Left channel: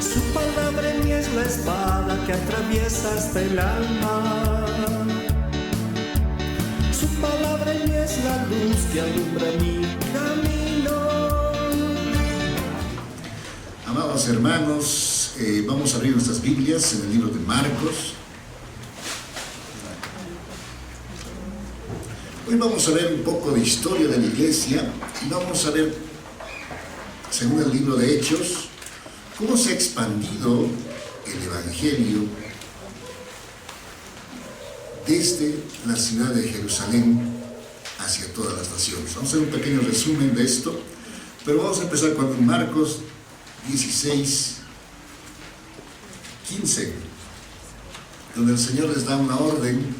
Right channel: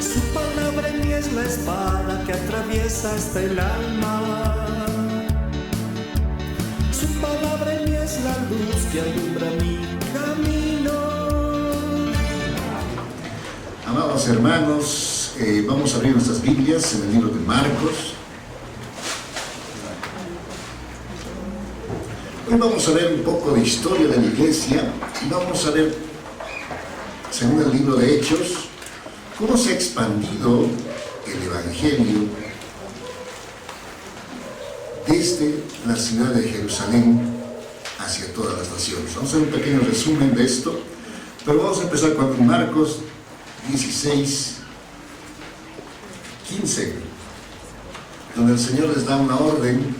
Su palabra en mí es la espada que atraviesa hasta el alma. Su palabra en mí es la luz que alumbra mi camino. Amados hermanos, vamos a abrir nuestras Biblias en el libro de Marcos. Hoy vamos a ver un poco de historia de la iglesia y vamos a ver, según el libro de Hechos, cómo se ha expandido el Evangelio desde la ciudad de Jerusalén hacia todas las naciones. Vamos a hacer un pequeño resumen de esto, pero vamos a empezar con Marcos 16, 15, donde el Señor les da una orden,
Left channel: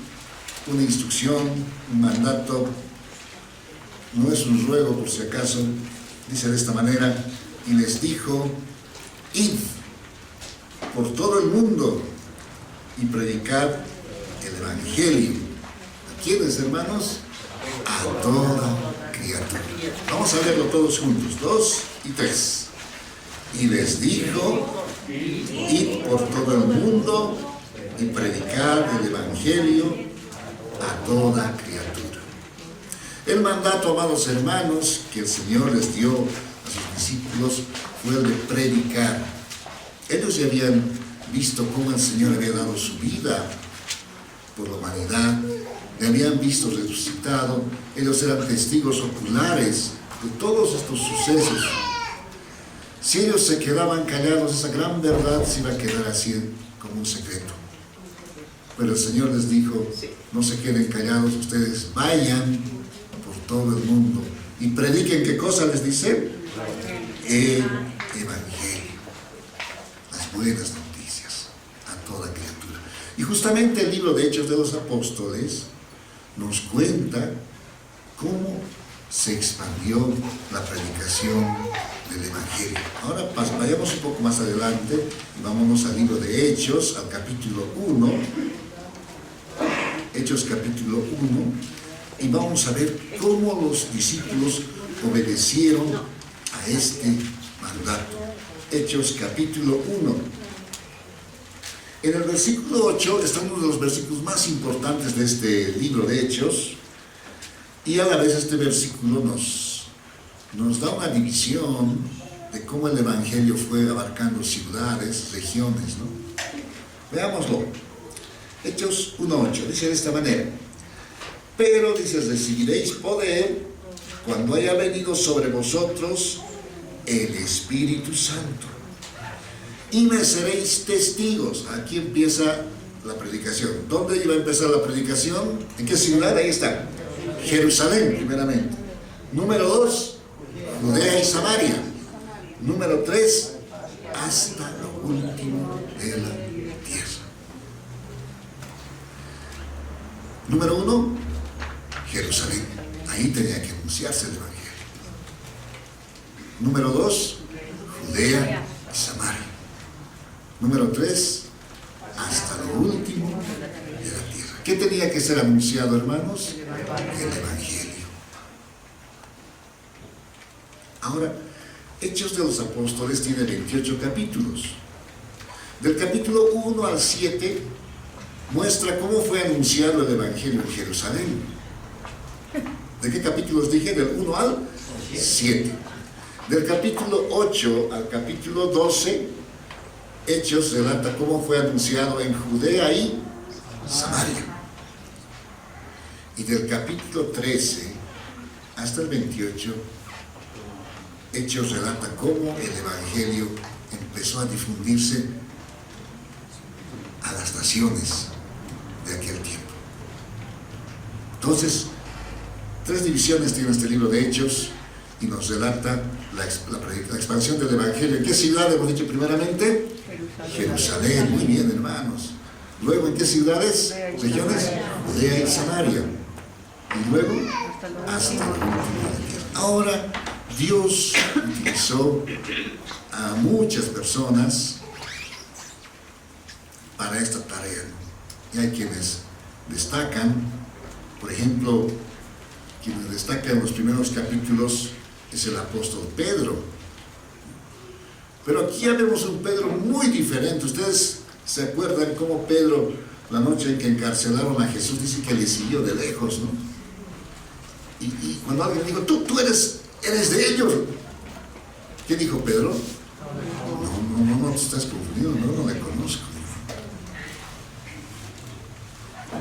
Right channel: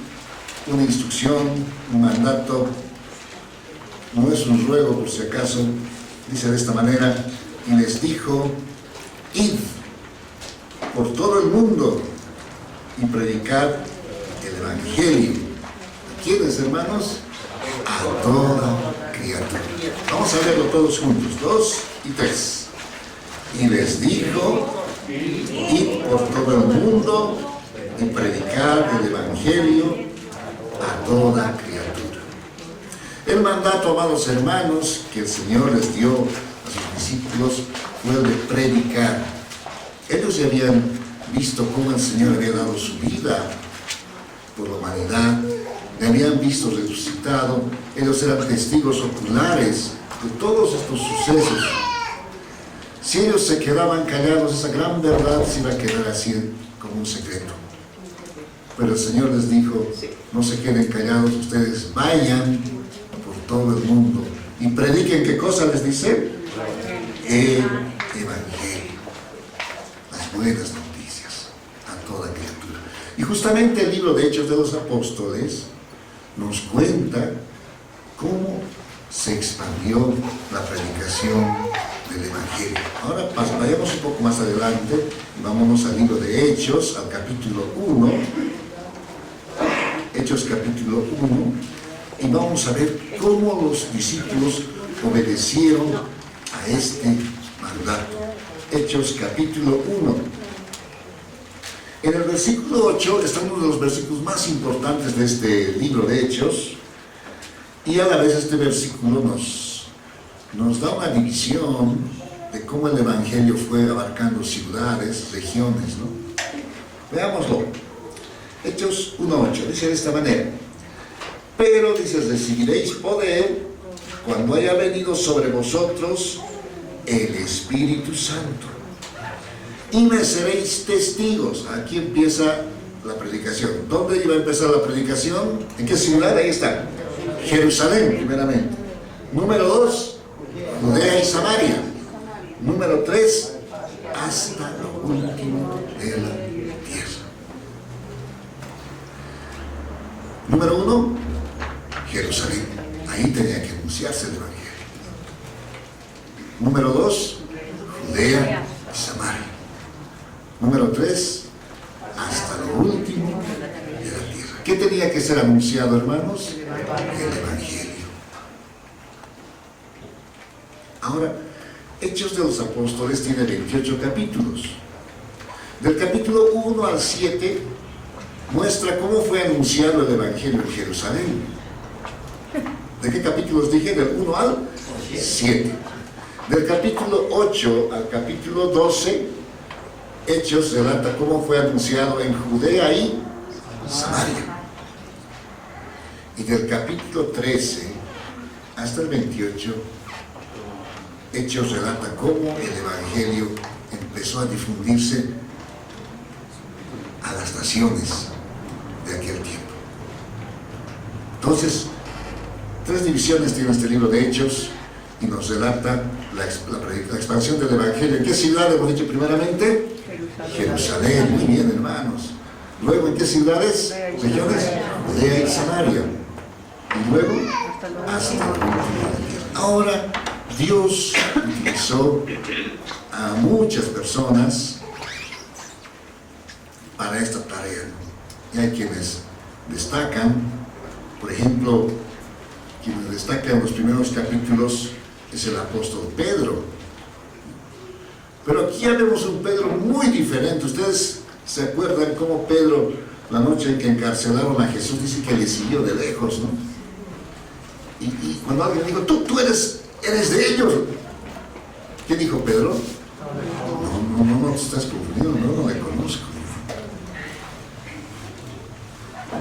una instrucción, un mandato. No es un ruego por si acaso. Dice de esta manera: y les dijo: id por todo el mundo y predicad el Evangelio. ¿A quiénes, hermanos? A toda criatura. Vamos a verlo todos juntos, 2 y 3. Y les dijo: id por todo el mundo y predicad el Evangelio a toda criatura. El mandato, amados hermanos, que el Señor les dio a sus discípulos fue el de predicar. Ellos ya habían visto cómo el Señor había dado su vida por la humanidad, le habían visto resucitado, ellos eran testigos oculares de todos estos sucesos. Si ellos se quedaban callados, esa gran verdad se iba a quedar así como un secreto. Pero el Señor les dijo: no se queden callados, ustedes vayan por todo el mundo y prediquen. ¿Qué cosa les dice? El Evangelio, las buenas noticias a toda criatura. Y justamente el libro de Hechos de los Apóstoles nos cuenta cómo se expandió la predicación del Evangelio. Ahora vayamos un poco más adelante y vámonos al libro de Hechos, al capítulo 1. Hechos capítulo 1, y vamos a ver cómo los discípulos obedecieron a este mandato. Hechos capítulo 1. En el versículo 8 está uno de los versículos más importantes de este libro de Hechos, y a la vez este versículo nos da una división de cómo el Evangelio fue abarcando ciudades, regiones, ¿no? Veámoslo. Hechos 1:8, dice de esta manera: pero, dice, recibiréis poder cuando haya venido sobre vosotros el Espíritu Santo, y me seréis testigos. Aquí empieza la predicación. ¿Dónde iba a empezar la predicación? ¿En qué ciudad? Ahí está. Jerusalén, primeramente. Número 2, Judea y Samaria. Número 3, hasta lo último de la tierra. Número 1, Jerusalén. Ahí tenía que anunciarse el Evangelio. Número 2, Judea y Samaria. Número 3, hasta lo último de la tierra. ¿Qué tenía que ser anunciado, hermanos? El Evangelio. Ahora, Hechos de los Apóstoles tiene 28 capítulos. Del capítulo 1 al 7 muestra cómo fue anunciado el Evangelio en Jerusalén. ¿De qué capítulos dije? Del 1 al 7. Del capítulo 8 al capítulo 12, Hechos relata cómo fue anunciado en Judea y Samaria. Y del capítulo 13 hasta el 28, Hechos relata cómo el Evangelio empezó a difundirse a las naciones de aquel tiempo. Entonces, 3 divisiones tiene este libro de Hechos y nos relata la expansión del Evangelio. ¿En qué ciudad hemos dicho primeramente? Jerusalén. Muy bien, hermanos. Luego, ¿en qué ciudades? Regiones. Judea y Samaria. Y luego, hasta el último de la tierra. Ahora, Dios utilizó a muchas personas para esta tarea, ¿no? Y hay quienes destacan, por ejemplo, quienes destacan en los primeros capítulos es el apóstol Pedro. Pero aquí ya vemos un Pedro muy diferente. Ustedes se acuerdan cómo Pedro, la noche en que encarcelaron a Jesús, dice que le siguió de lejos, ¿no? Y cuando alguien dijo, tú eres de ellos, ¿qué dijo Pedro? No te estás confundido, no le conozco.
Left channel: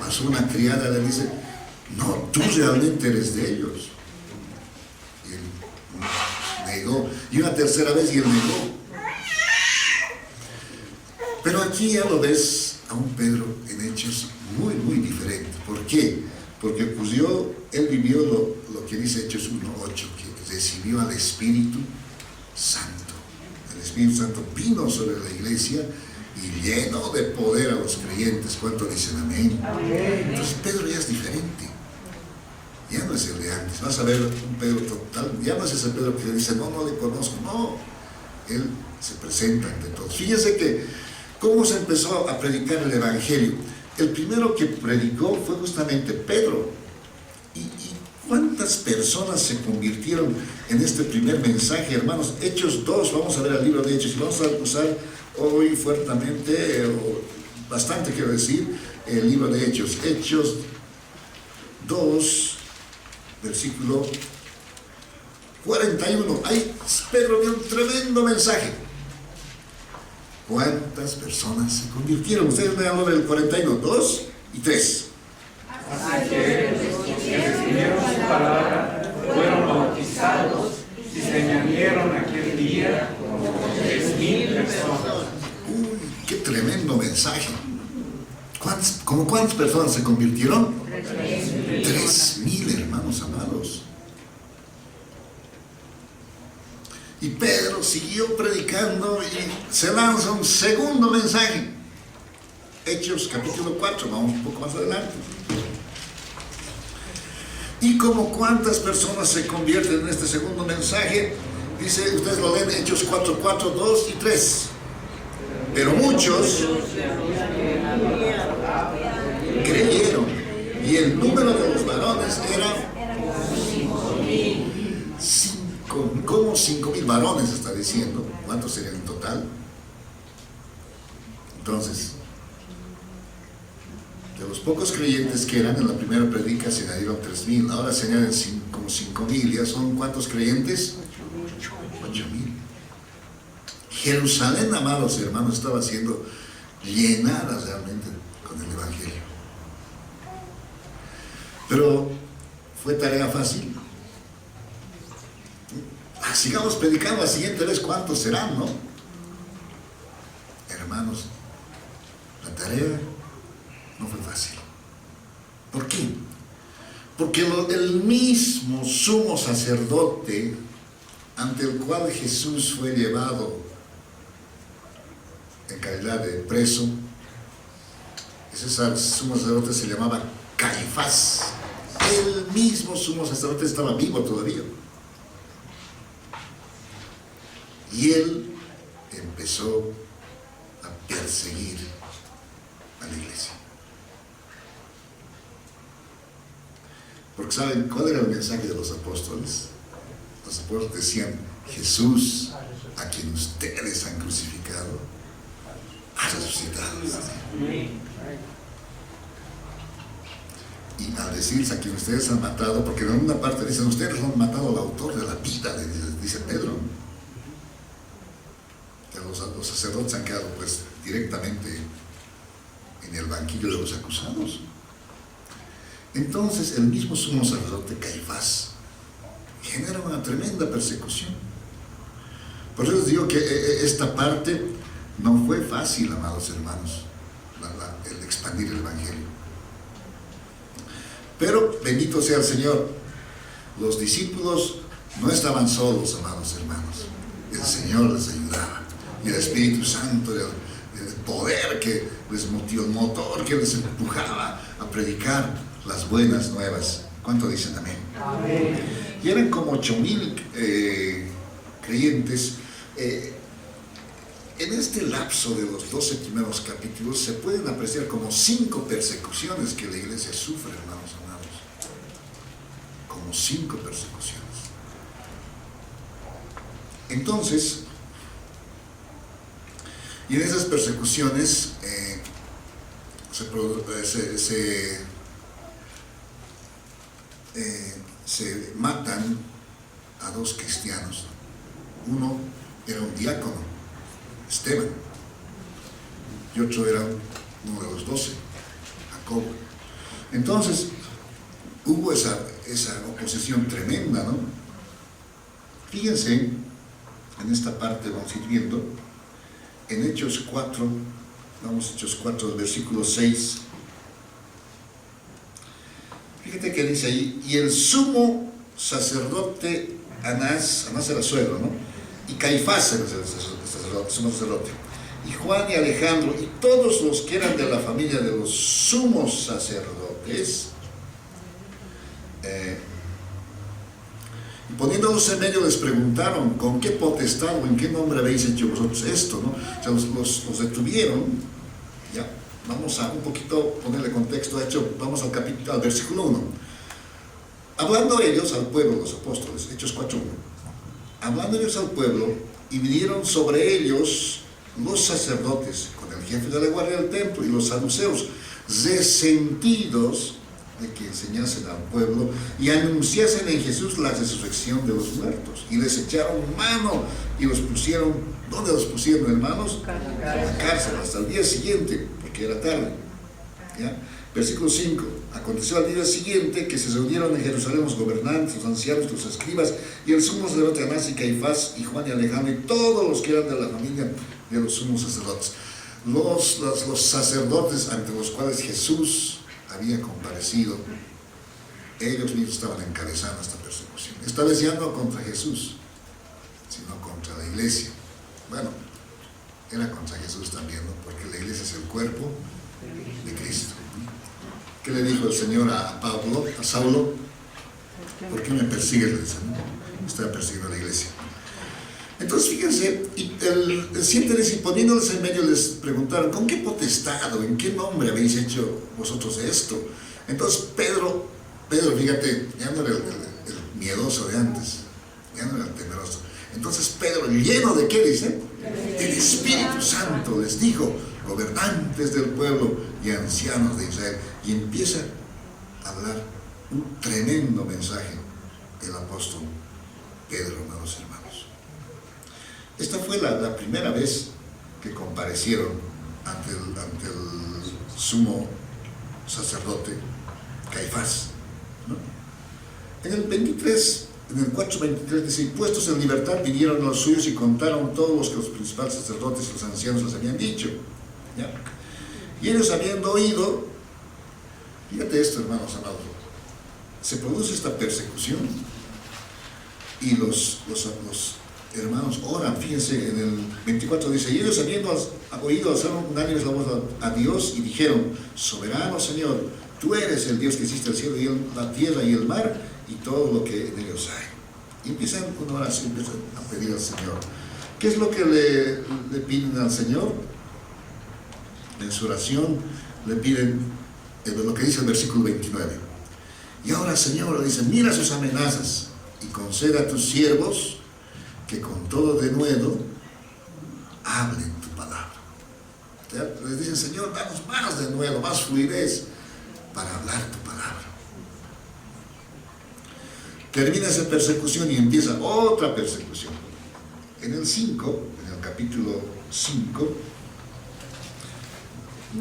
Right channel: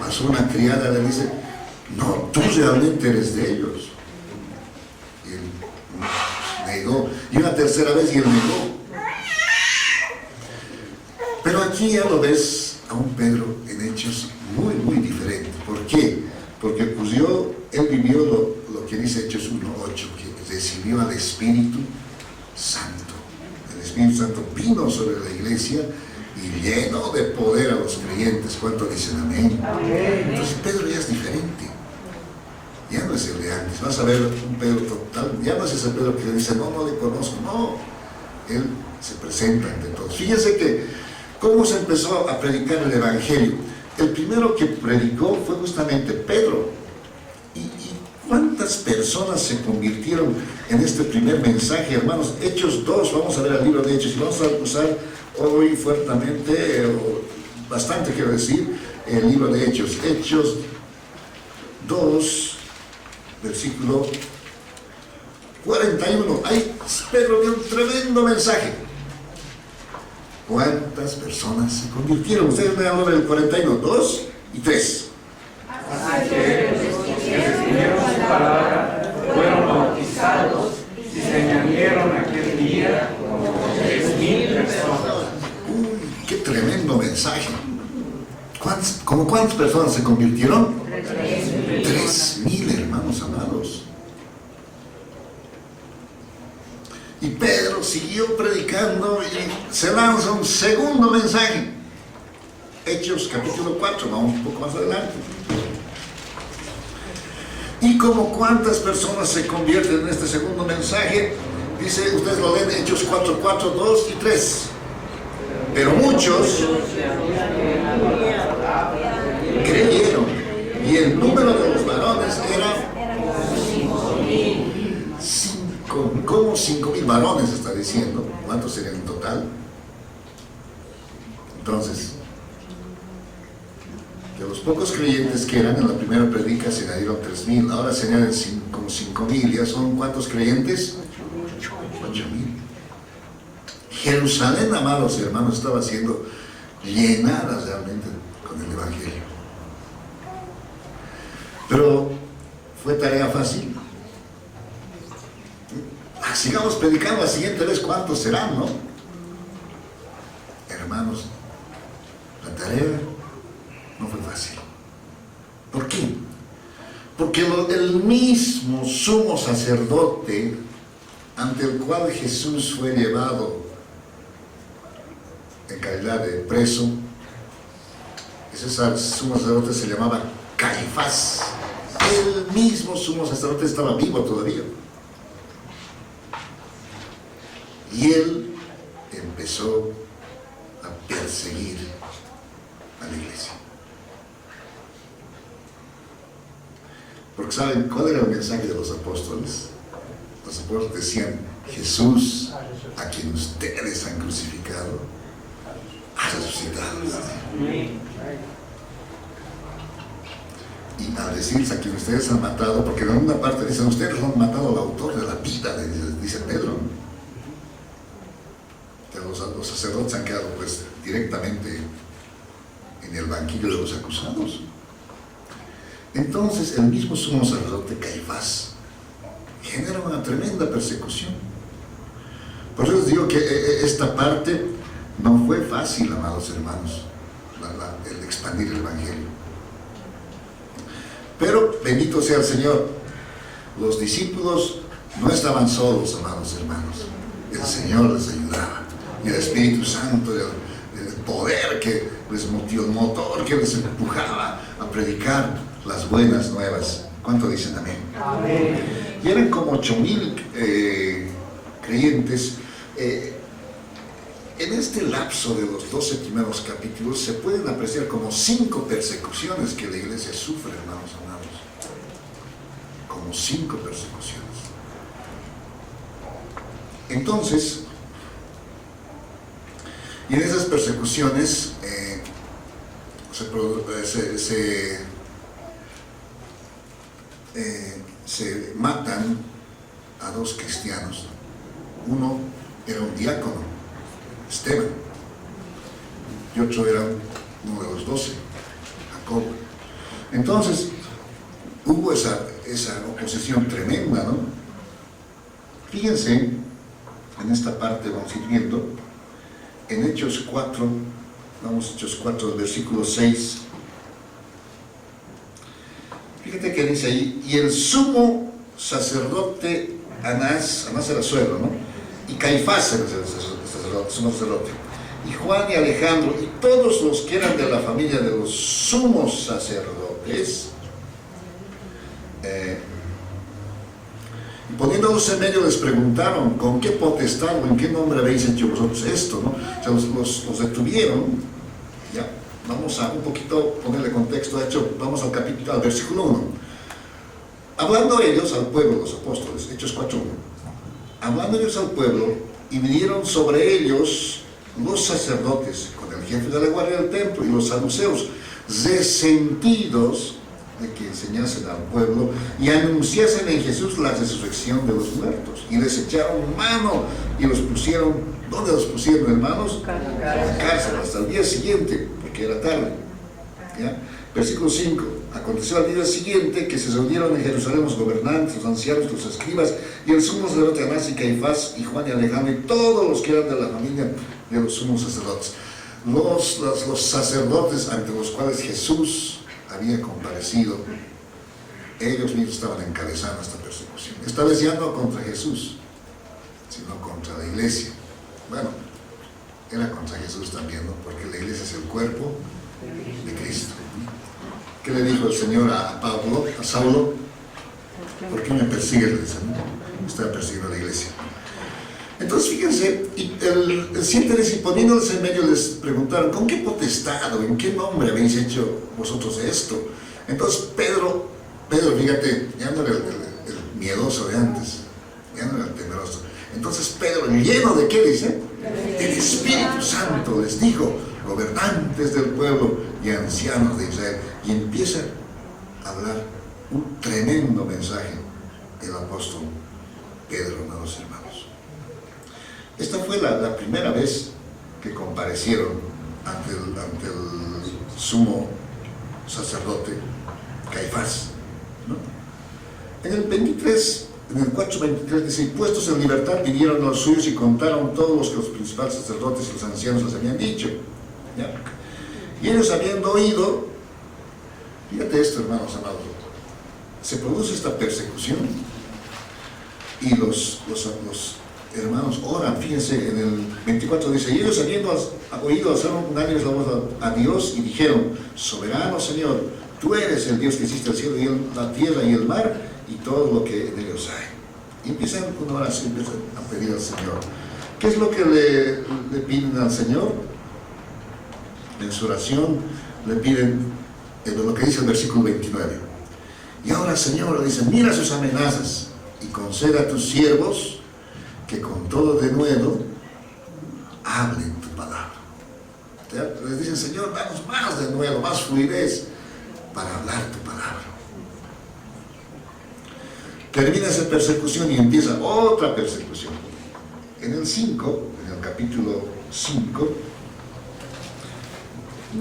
Pasó una criada, le dice, no, tú realmente eres de ellos. Y él negó, y una tercera vez y él negó. Pero aquí ya lo ves a un Pedro en hechos muy, muy diferente. ¿Por qué? Porque ocurrió, él vivió lo que dice Hechos 1:8, que recibió al Espíritu Santo. El Espíritu Santo vino sobre la iglesia y llenó de poder a los creyentes. ¿Cuánto dicen amén? Entonces Pedro ya es diferente. Ya no es el de antes. Vas a ver un Pedro total. Ya no es ese Pedro que dice, no le conozco. No, él se presenta ante todos. Fíjense que cómo se empezó a predicar el Evangelio. El primero que predicó fue justamente Pedro. ¿Y cuántas personas se convirtieron en este primer mensaje, hermanos? Hechos 2, vamos a ver el libro de Hechos, y vamos a usar hoy fuertemente, bastante quiero decir, el libro de Hechos. Hechos 2, versículo 41. Ahí Pedro dio un tremendo mensaje. ¿Cuántas personas se convirtieron? Ustedes me hablan del 41, 2 y 3. Así que los que recibieron su palabra fueron bautizados y se añadieron aquel día como 3,000 personas. Uy, qué tremendo mensaje. ¿Cuántas personas se convirtieron? 3,000, hermanos amados. Y Pedro siguió predicando y se lanza un segundo mensaje. Hechos capítulo 4, vamos un poco más adelante. Y como cuántas personas se convierten en este segundo mensaje, dice, ustedes lo leen, Hechos 4, 4, 2 y 3. Pero muchos creyeron, y el número de los varones era 5,000 varones, está diciendo. ¿Cuántos serían en total? Entonces, de los pocos creyentes que eran en la primera predica se añadieron 3,000, ahora se añaden como 5,000, ¿ya son cuántos creyentes? 8,000. Jerusalén, amados hermanos, estaba siendo llenada realmente con el Evangelio. Pero fue tarea fácil. Sigamos predicando la siguiente vez, ¿cuántos serán, no? Hermanos, la tarea no fue fácil. ¿Por qué? Porque el mismo sumo sacerdote ante el cual Jesús fue llevado en calidad de preso, ese sumo sacerdote se llamaba Caifás. El mismo sumo sacerdote estaba vivo todavía. Y él empezó a perseguir a la iglesia. Porque ¿saben cuál era el mensaje de los apóstoles? Los apóstoles decían, Jesús, a quien ustedes han crucificado, ha resucitado. Y al decirse a quien ustedes han matado, porque en una parte dicen, ustedes han matado al autor de la vida, dice Pedro, ¿no? Los sacerdotes han quedado pues directamente en el banquillo de los acusados. Entonces el mismo sumo sacerdote Caifás genera una tremenda persecución. Por eso les digo que esta parte no fue fácil, amados hermanos, el expandir el Evangelio. Pero bendito sea el Señor, los discípulos no estaban solos, amados hermanos. El Señor les ayudaba. Y el Espíritu Santo, el poder que les motivó, el motor que les empujaba a predicar las buenas nuevas. ¿Cuánto dicen amén? Amén. Y eran como 8,000 creyentes. En este lapso de los 12 primeros capítulos se pueden apreciar como 5 persecuciones que la iglesia sufre, hermanos amados. Como 5 persecuciones. Entonces, Y en esas persecuciones se matan a 2 cristianos. Uno era un diácono, Esteban, y otro era uno de los 12, Jacob. Entonces hubo esa oposición tremenda, ¿no? Fíjense, en esta parte vamos a ir viendo, en Hechos 4, vamos a Hechos 4, versículo 6. Fíjate que dice ahí, y el sumo sacerdote Anás era suegro, ¿no? Y Caifás era el sumo sacerdote, y Juan y Alejandro, y todos los que eran de la familia de los sumos sacerdotes, y poniéndolos en medio les preguntaron, ¿con qué potestad o en qué nombre habéis hecho vosotros esto? ¿No? O sea, los detuvieron. Ya, vamos a un poquito ponerle contexto. Vamos al versículo 1. Hablando ellos al pueblo, los apóstoles, Hechos 4:1. Hablando ellos al pueblo, y vinieron sobre ellos los sacerdotes, con el jefe de la guardia del templo, y los saduceos, resentidos de que enseñasen al pueblo y anunciasen en Jesús la resurrección de los muertos. Y les echaron mano y los pusieron, ¿dónde los pusieron, hermanos? En la cárcel, hasta el día siguiente, porque era tarde. ¿Ya? Versículo 5. Aconteció al día siguiente que se reunieron en Jerusalén los gobernantes, los ancianos, los escribas, y el sumo sacerdote Anás y Caifás, y Juan y Alejandro, y todos los que eran de la familia de los sumos sacerdotes. Los sacerdotes ante los cuales Jesús había comparecido, ellos mismos estaban encabezando esta persecución. Esta vez ya no contra Jesús, sino contra la iglesia. Bueno, era contra Jesús también, ¿no? Porque la iglesia es el cuerpo de Cristo. ¿Qué le dijo el Señor a Saulo? ¿Por qué me persigues? Le dice, ¿no? Estaba persiguiendo a la iglesia. Entonces fíjense, y el 7 dice, poniéndoles en medio les preguntaron, ¿con qué potestad o en qué nombre habéis hecho vosotros esto? Entonces Pedro, fíjate, ya no era el miedoso de antes, ya no era el temeroso. Entonces Pedro, lleno de ¿qué dice? Del Espíritu Santo, les dijo, gobernantes del pueblo y ancianos de Israel, y empieza a hablar un tremendo mensaje del apóstol Pedro, amados hermanos. Esta fue la primera vez que comparecieron ante el sumo sacerdote Caifás, ¿no? En el 23, en el 4:23 dice, y puestos en libertad vinieron los suyos y contaron todos los que los principales sacerdotes y los ancianos les habían dicho. ¿Ya? Y ellos habiendo oído, fíjate esto, hermanos amados, se produce esta persecución y los hermanos oran. Fíjense, en el 24 dice, y ellos habiendo oído alzar unánimes la voz a Dios y dijeron, soberano Señor, tú eres el Dios que hiciste el cielo y la tierra y el mar y todo lo que en ellos hay. Y empiezan una oración, empiezan a pedir al Señor. ¿Qué es lo que le piden al Señor? En su oración le piden lo que dice el versículo 29. Y ahora, Señor, le dicen, mira sus amenazas y conceda a tus siervos que con todo denuedo hablen tu palabra. Les dicen, Señor, danos más denuedo, más fluidez para hablar tu palabra. Termina esa persecución y empieza otra persecución. En el 5, en el capítulo 5,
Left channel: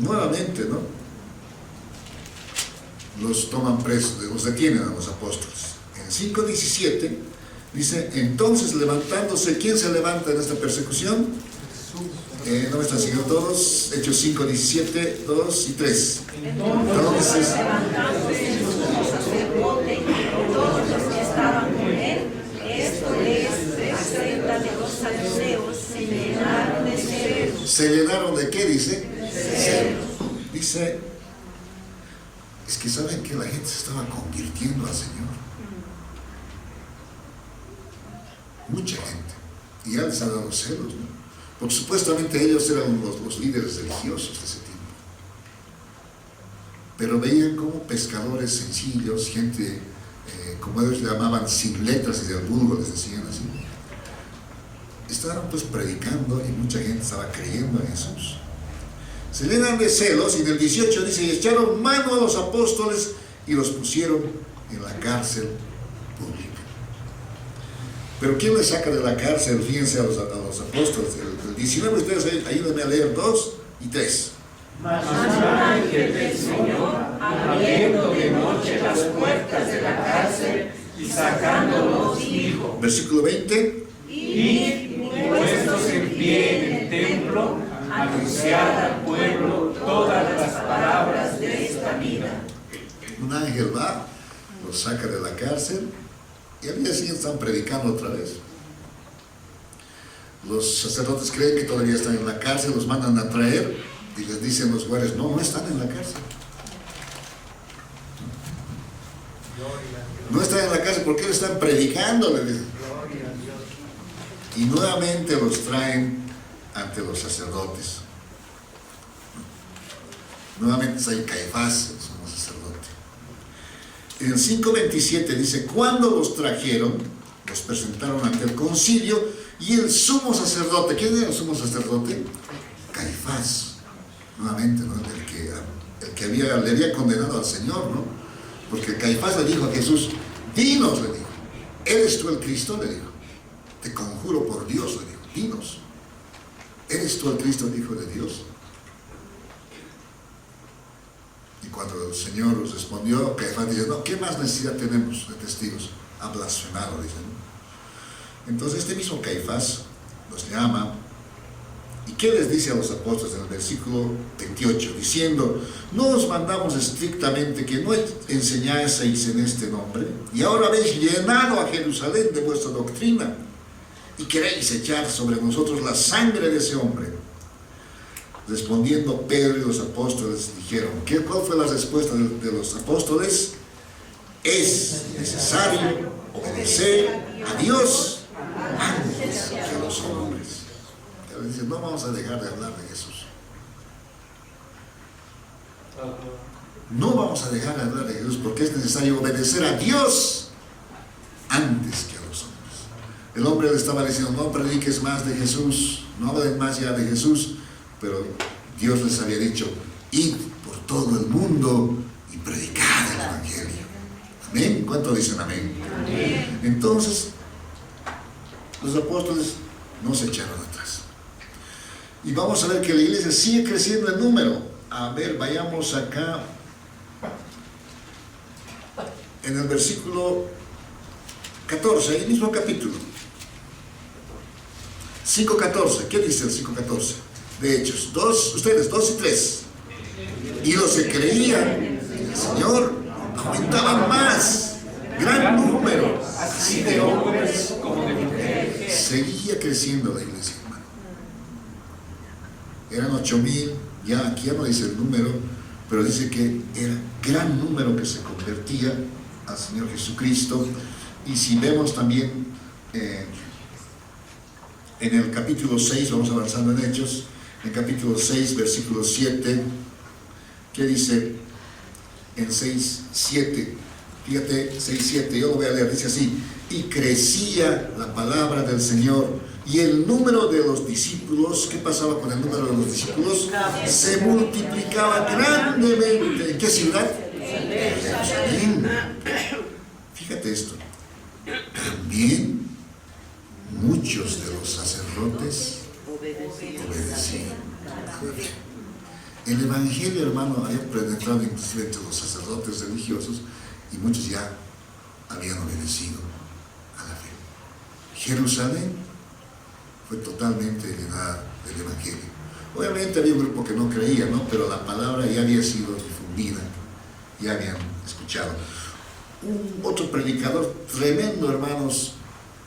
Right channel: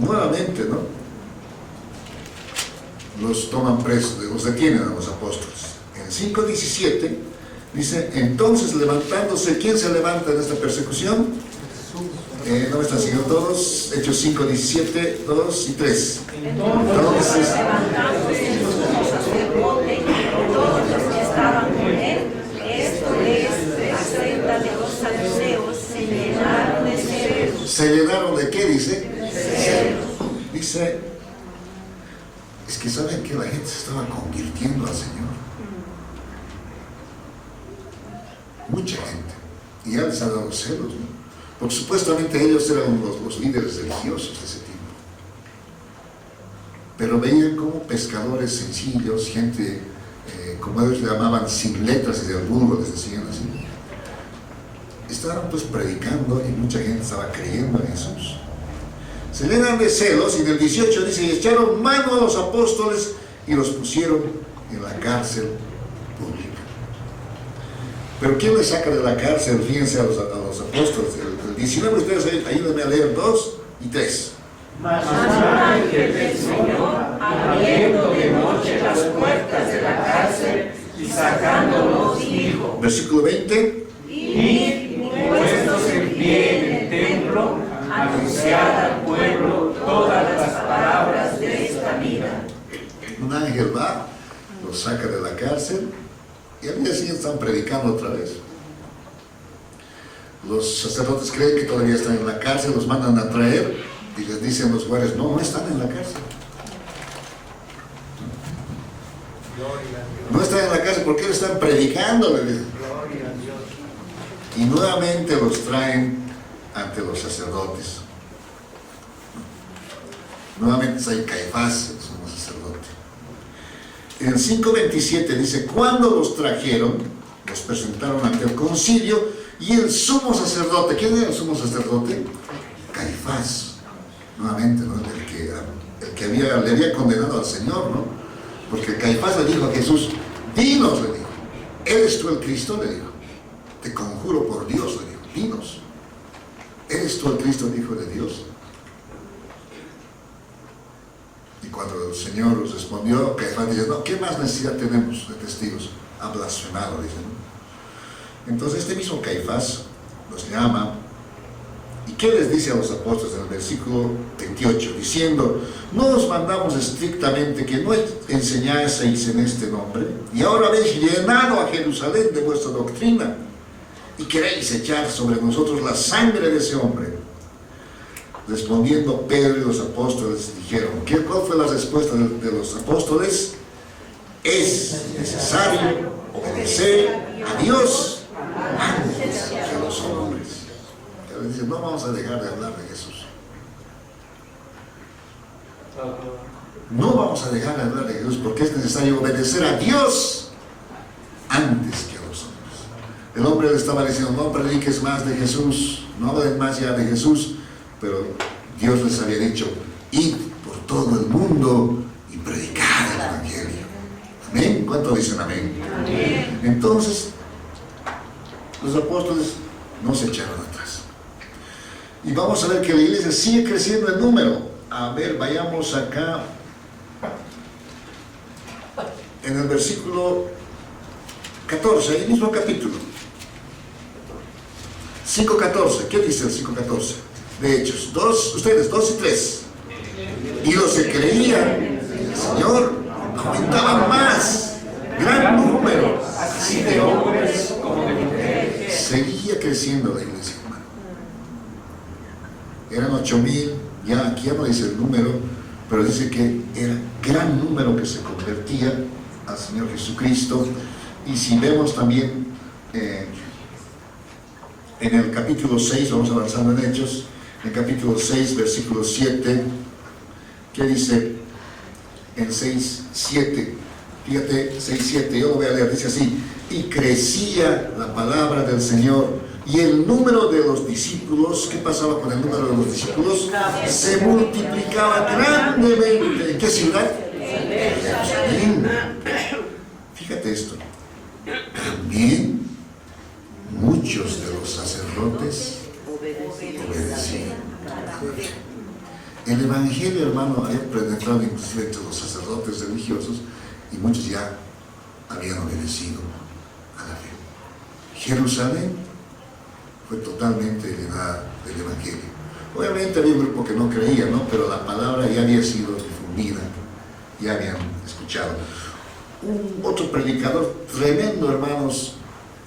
nuevamente, ¿no? Los toman presos, los detienen a los apóstoles. En el 5:17 dice, entonces levantándose, ¿quién se levanta en esta persecución? ¿No me están siguiendo todos? Hechos 5:17, 2 y 3. Entonces, todos los que estaban con él, esto es, 30 de los saduceos, se llenaron de celos. ¿se llenaron de qué? Dice, celos. Dice, es que saben que la gente se estaba convirtiendo al Señor. Mucha gente. Y ya les han dado celos, ¿no? Porque supuestamente ellos eran los líderes religiosos de ese tiempo. Pero veían como pescadores sencillos, gente, como ellos le llamaban, sin letras y del vulgo, les decían así. estaban pues predicando y mucha gente estaba creyendo en Jesús. Se llenan de celos y en el 18 dice, y echaron mano a los apóstoles y los pusieron en la cárcel pública. Pero ¿quién les saca de la cárcel? Fíjense a los apóstoles. El 19, ustedes ayúdenme a leer 2 y 3. Mas un ángel del Señor, abriendo de noche las puertas de la cárcel y sacándolos, dijo: Versículo 20. Y puestos en pie en el templo, anunciad al pueblo todas las palabras de esta vida. Un ángel va, los saca de la cárcel y al día siguiente están predicando otra vez. Los sacerdotes creen que todavía están en la cárcel, los mandan a traer y les dicen los guardias, no están en la cárcel. No están en la cárcel, ¿por qué están predicando? Le dicen. Y nuevamente los traen ante los sacerdotes. Nuevamente hay Caifás, el sumo sacerdote. En el 5:27 dice, cuando los trajeron, los presentaron ante el concilio y el sumo sacerdote, ¿quién era el sumo sacerdote? Caifás, nuevamente, ¿no? el que le había condenado al Señor, ¿no? Porque Caifás le dijo a Jesús, dinos, le dijo, ¿eres tú el Cristo? Le dijo, te conjuro por Dios, le dijo, dinos, ¿eres tú el Cristo, el Hijo de Dios? Y cuando el Señor les respondió, Caifás dice, no, ¿qué más necesidad tenemos de testigos? Ha blasfemado, dice, ¿no? Entonces este mismo Caifás los llama, ¿y qué les dice a los apóstoles en el versículo 28? Diciendo, no os mandamos estrictamente que no enseñaseis en este nombre, y ahora habéis llenado a Jerusalén de vuestra doctrina, y queréis echar sobre nosotros la sangre de ese hombre. Respondiendo Pedro y los apóstoles dijeron, ¿cuál fue la respuesta de los apóstoles? Es necesario obedecer a Dios antes que a los hombres. Él dice, no vamos a dejar de hablar de Jesús. No vamos a dejar de hablar de Jesús porque es necesario obedecer a Dios antes que a los hombres. El hombre le estaba diciendo, no prediques más de Jesús, no hablen más ya de Jesús. Pero Dios les había dicho, id por todo el mundo y predicad el Evangelio. ¿Amén? ¿Cuánto dicen amén? Amén. Entonces, los apóstoles no se echaron atrás. Y vamos a ver que la iglesia sigue creciendo en número. A ver, vayamos acá. En el versículo 14, el mismo capítulo. 5:14. ¿Qué dice el 5:14? De Hechos, 2 y 3. Y los que creían en el Señor aumentaban más, gran número, así de hombres como de mujeres. Seguía creciendo la iglesia, hermano. Eran 8,000, ya aquí ya no dice el número, pero dice que era gran número que se convertía al Señor Jesucristo. Y si vemos también en el capítulo 6, vamos avanzando en Hechos, en capítulo 6, versículo 7, ¿qué dice? En 6:7, fíjate, 6:7, yo lo voy a leer, dice así, y crecía la palabra del Señor, y el número de los discípulos, ¿qué pasaba con el número de los discípulos? Se multiplicaba grandemente. ¿En qué ciudad? Jerusalén. Fíjate esto, también muchos de los sacerdotes obedecían. El Evangelio, hermano, había penetrado inclusive entre los sacerdotes religiosos y muchos ya habían obedecido a la fe. Jerusalén fue totalmente llenada del Evangelio. Obviamente había un grupo que no creía, ¿no? Pero la palabra ya había sido difundida, ya habían escuchado. Otro predicador tremendo, hermanos,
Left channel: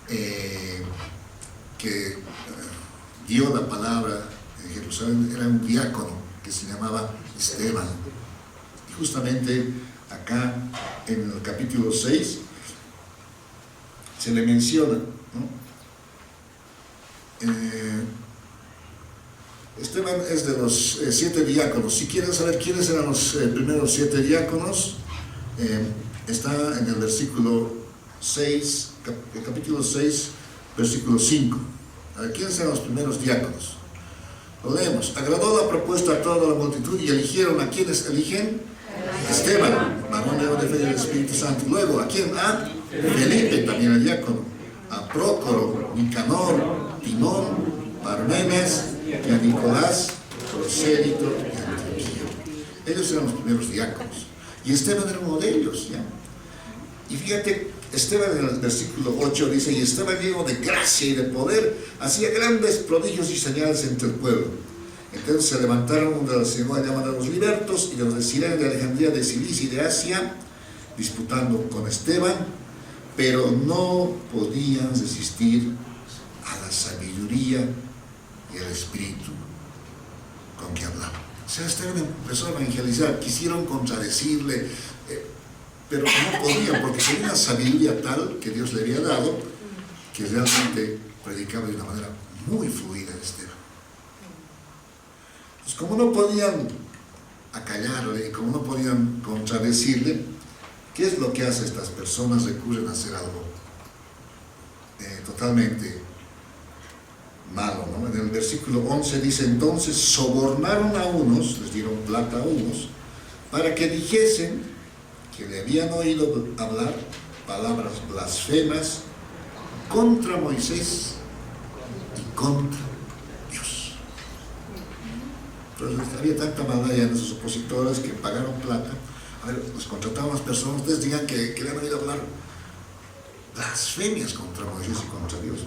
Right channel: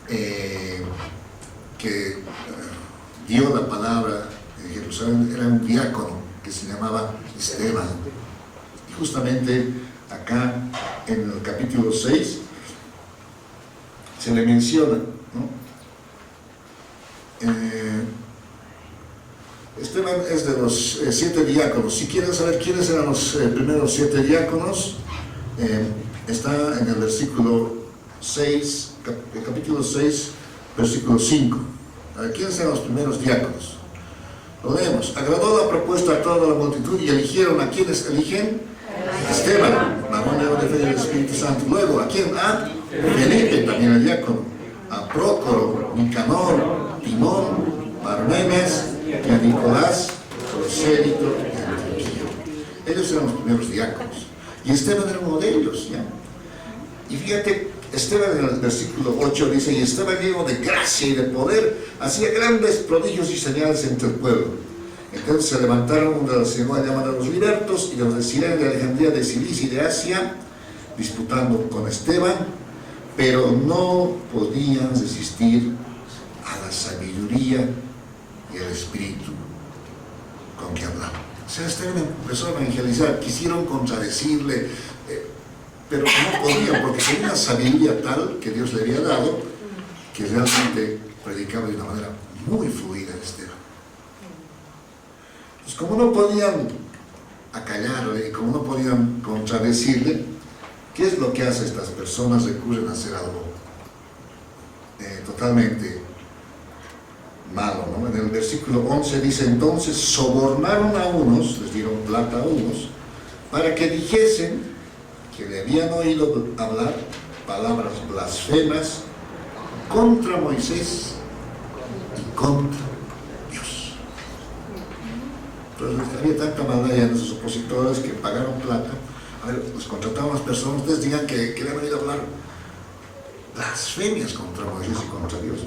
que dio la palabra en Jerusalén, era un diácono que se llamaba Esteban. Y justamente acá en el capítulo 6 se le menciona, ¿no? Esteban es de los 7 diáconos. Si quieren saber quiénes eran los primeros 7 diáconos, está en el versículo 6, capítulo 6, versículo 5. A ver, ¿quiénes eran los primeros diáconos? Lo leemos. Agradó la propuesta a toda la multitud y eligieron. ¿A quiénes eligen? Esteban, varón lleno de fe del Espíritu Santo. Luego, ¿a quién? A Felipe, también el diácono. A Prócoro, Nicanor, Timón, Parmenas y a Nicolás, prosélito de Antioquía. Ellos eran los primeros diáconos. Y Esteban era uno de ellos, ¿ya? Y fíjate, Esteban en el versículo 8 dice: y Esteban, lleno de gracia y de poder, hacía grandes prodigios y señales entre el pueblo. Entonces se levantaron de la sinagoga llamados los libertos y de los de Cirene, de Alejandría, de Cilicia y de Asia, disputando con Esteban, pero no podían resistir a la sabiduría y al espíritu con que hablaba. O sea, Esteban empezó a evangelizar, quisieron contradecirle, pero no podían, porque tenía una sabiduría tal que Dios le había dado, que realmente predicaba de una manera muy fluida Esteban. Pues como no podían acallarle, como no podían contradecirle, ¿qué es lo que hacen estas personas? Recurren a hacer algo totalmente malo, ¿no? En el versículo 11 dice: entonces sobornaron a unos, les dieron plata a unos, para que dijesen que le habían oído hablar palabras blasfemas contra Moisés y contra Dios. Entonces había tanta maldad ya en esos opositores que pagaron plata. A ver, los contrataban las personas, ustedes digan que le han oído hablar blasfemias contra Moisés y contra Dios.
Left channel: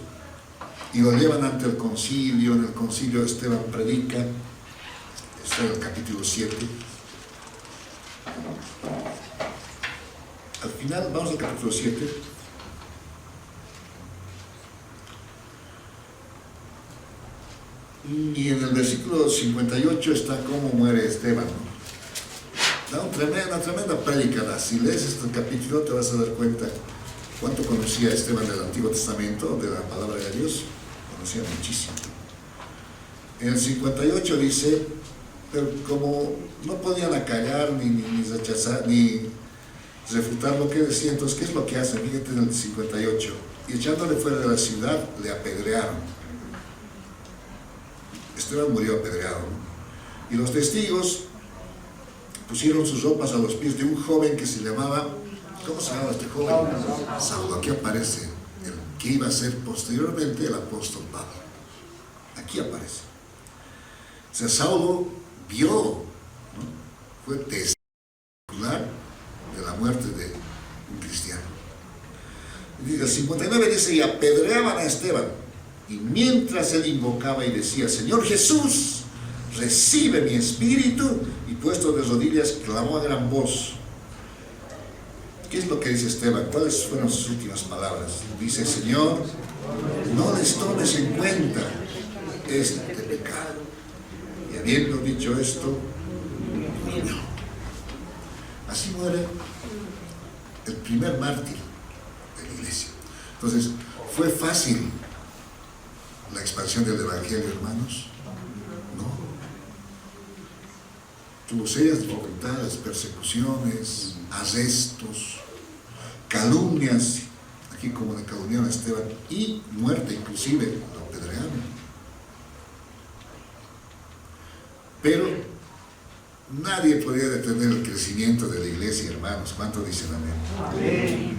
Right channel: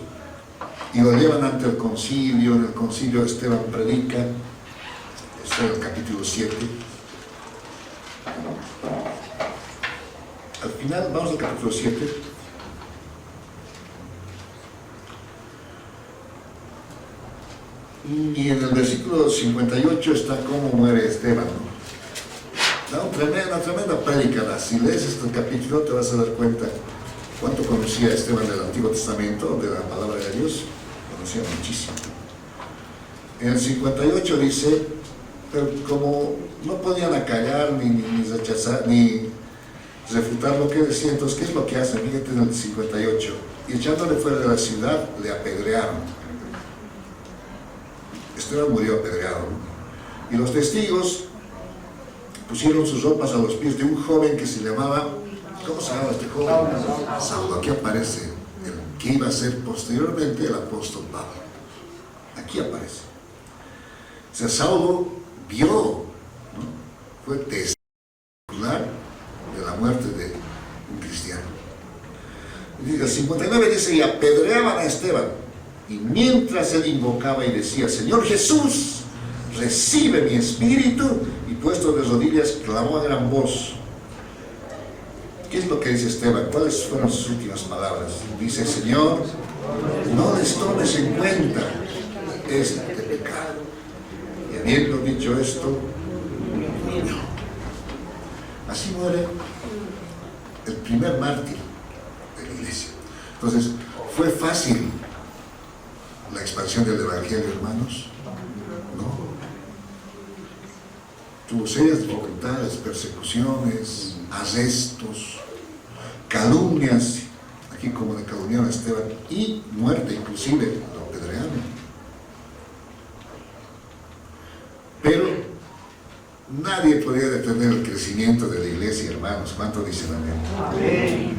Y lo llevan ante el concilio. En el concilio Esteban predica. Esto es el capítulo 7. Al final, vamos al capítulo 7. Y en el versículo 58 está cómo muere Esteban, ¿no? Da una tremenda prédica. Si lees este capítulo te vas a dar cuenta cuánto conocía Esteban del Antiguo Testamento, de la palabra de Dios. Conocía muchísimo. En el 58 dice, pero como no podían acallar ni rechazar ni refutar lo que decía, entonces ¿qué es lo que hacen? Fíjate en el 58. Y echándole fuera de la ciudad, le apedrearon. Esteban murió apedreado, ¿no? Y los testigos pusieron sus ropas a los pies de un joven que se llamaba, ¿cómo se llama este joven? Saulo. Aquí aparece el que iba a ser posteriormente el apóstol Pablo. Aquí aparece. O sea, Saulo vio, ¿no? Fue testigo de la muerte de un cristiano. Y el 59 dice: y apedreaban a Esteban, y mientras él invocaba y decía: Señor Jesús, recibe mi espíritu, y puesto de rodillas clamó a gran voz. ¿Qué es lo que dice Esteban? ¿Cuáles fueron sus últimas palabras? Dice: Señor, no les tomes en cuenta este pecado. Y habiendo dicho esto, murió. Así muere el primer mártir de la iglesia. Entonces, ¿fue fácil la expansión del evangelio, hermanos? No. Tuvo serias dificultades, persecuciones, arrestos, calumnias, aquí como le calumniaron a Esteban, y muerte, inclusive lo apedrearon. Pero nadie podía detener el crecimiento de la iglesia, hermanos. ¿Cuánto dicen amén? Amén.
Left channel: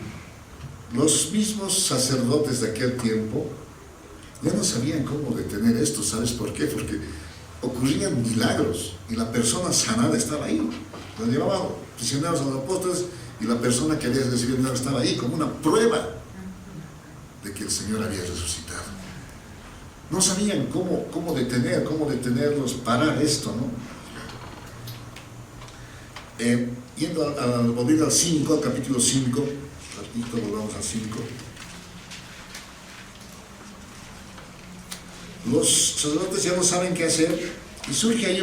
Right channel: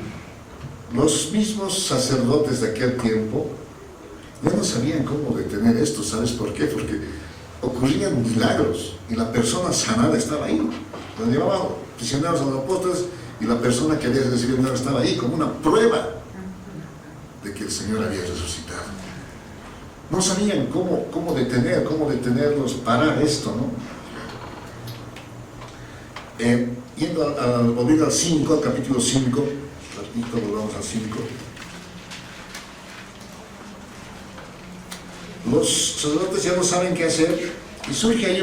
Los mismos sacerdotes de aquel tiempo ya no sabían cómo detener esto. ¿Sabes por qué? Porque ocurrían milagros y la persona sanada estaba ahí. Los llevaban prisioneros a los apóstoles y la persona que había recibido el milagro estaba ahí como una prueba de que el Señor había resucitado. No sabían cómo detenerlos, parar esto, ¿no? Volviendo al 5, al capítulo 5, ratito volvamos al 5. Los sacerdotes ya no saben qué hacer y surge ahí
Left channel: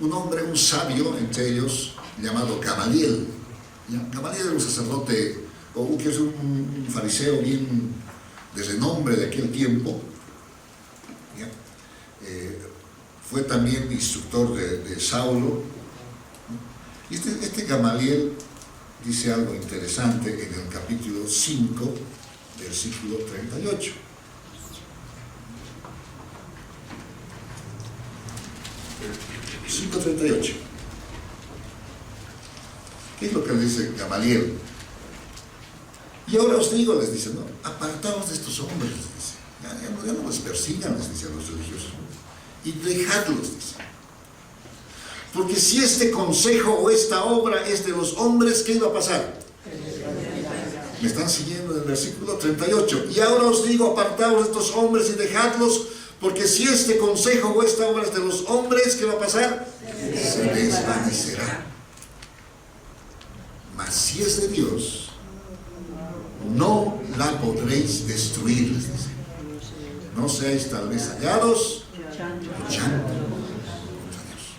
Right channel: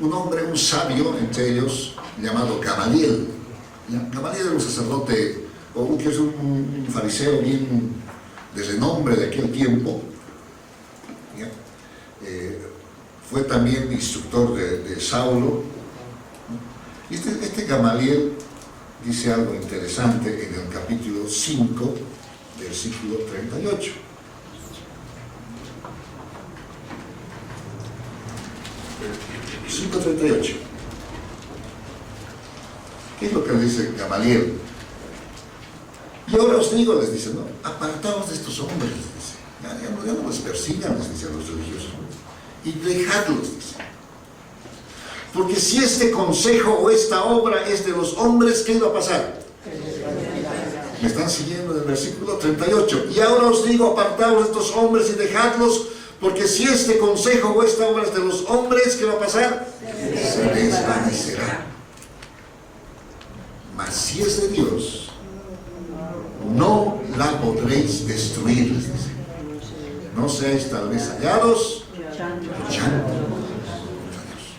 un hombre, un sabio entre ellos, llamado Gamaliel. Gamaliel era un sacerdote, o que es un fariseo bien de renombre de aquel tiempo. Fue también instructor de Saulo. Y este Gamaliel dice algo interesante en el capítulo 5, versículo 38. 5:38. ¿Qué es lo que le dice Gamaliel? Y ahora os digo, les dice, ¿no? Apartaos de estos hombres, les dice. Ya no los persigan, les dice a los religiosos. Y dejadlos, dice. Porque si este consejo o esta obra es de los hombres, ¿qué iba a pasar? Me están siguiendo en el versículo 38. Y ahora os digo, apartaos de estos hombres y dejadlos, porque si este consejo o esta obra es de los hombres, ¿qué va a pasar? Se desvanecerá. Mas si es de Dios, no la podréis destruir, les dice. No seáis tal vez hallados luchando contra Dios.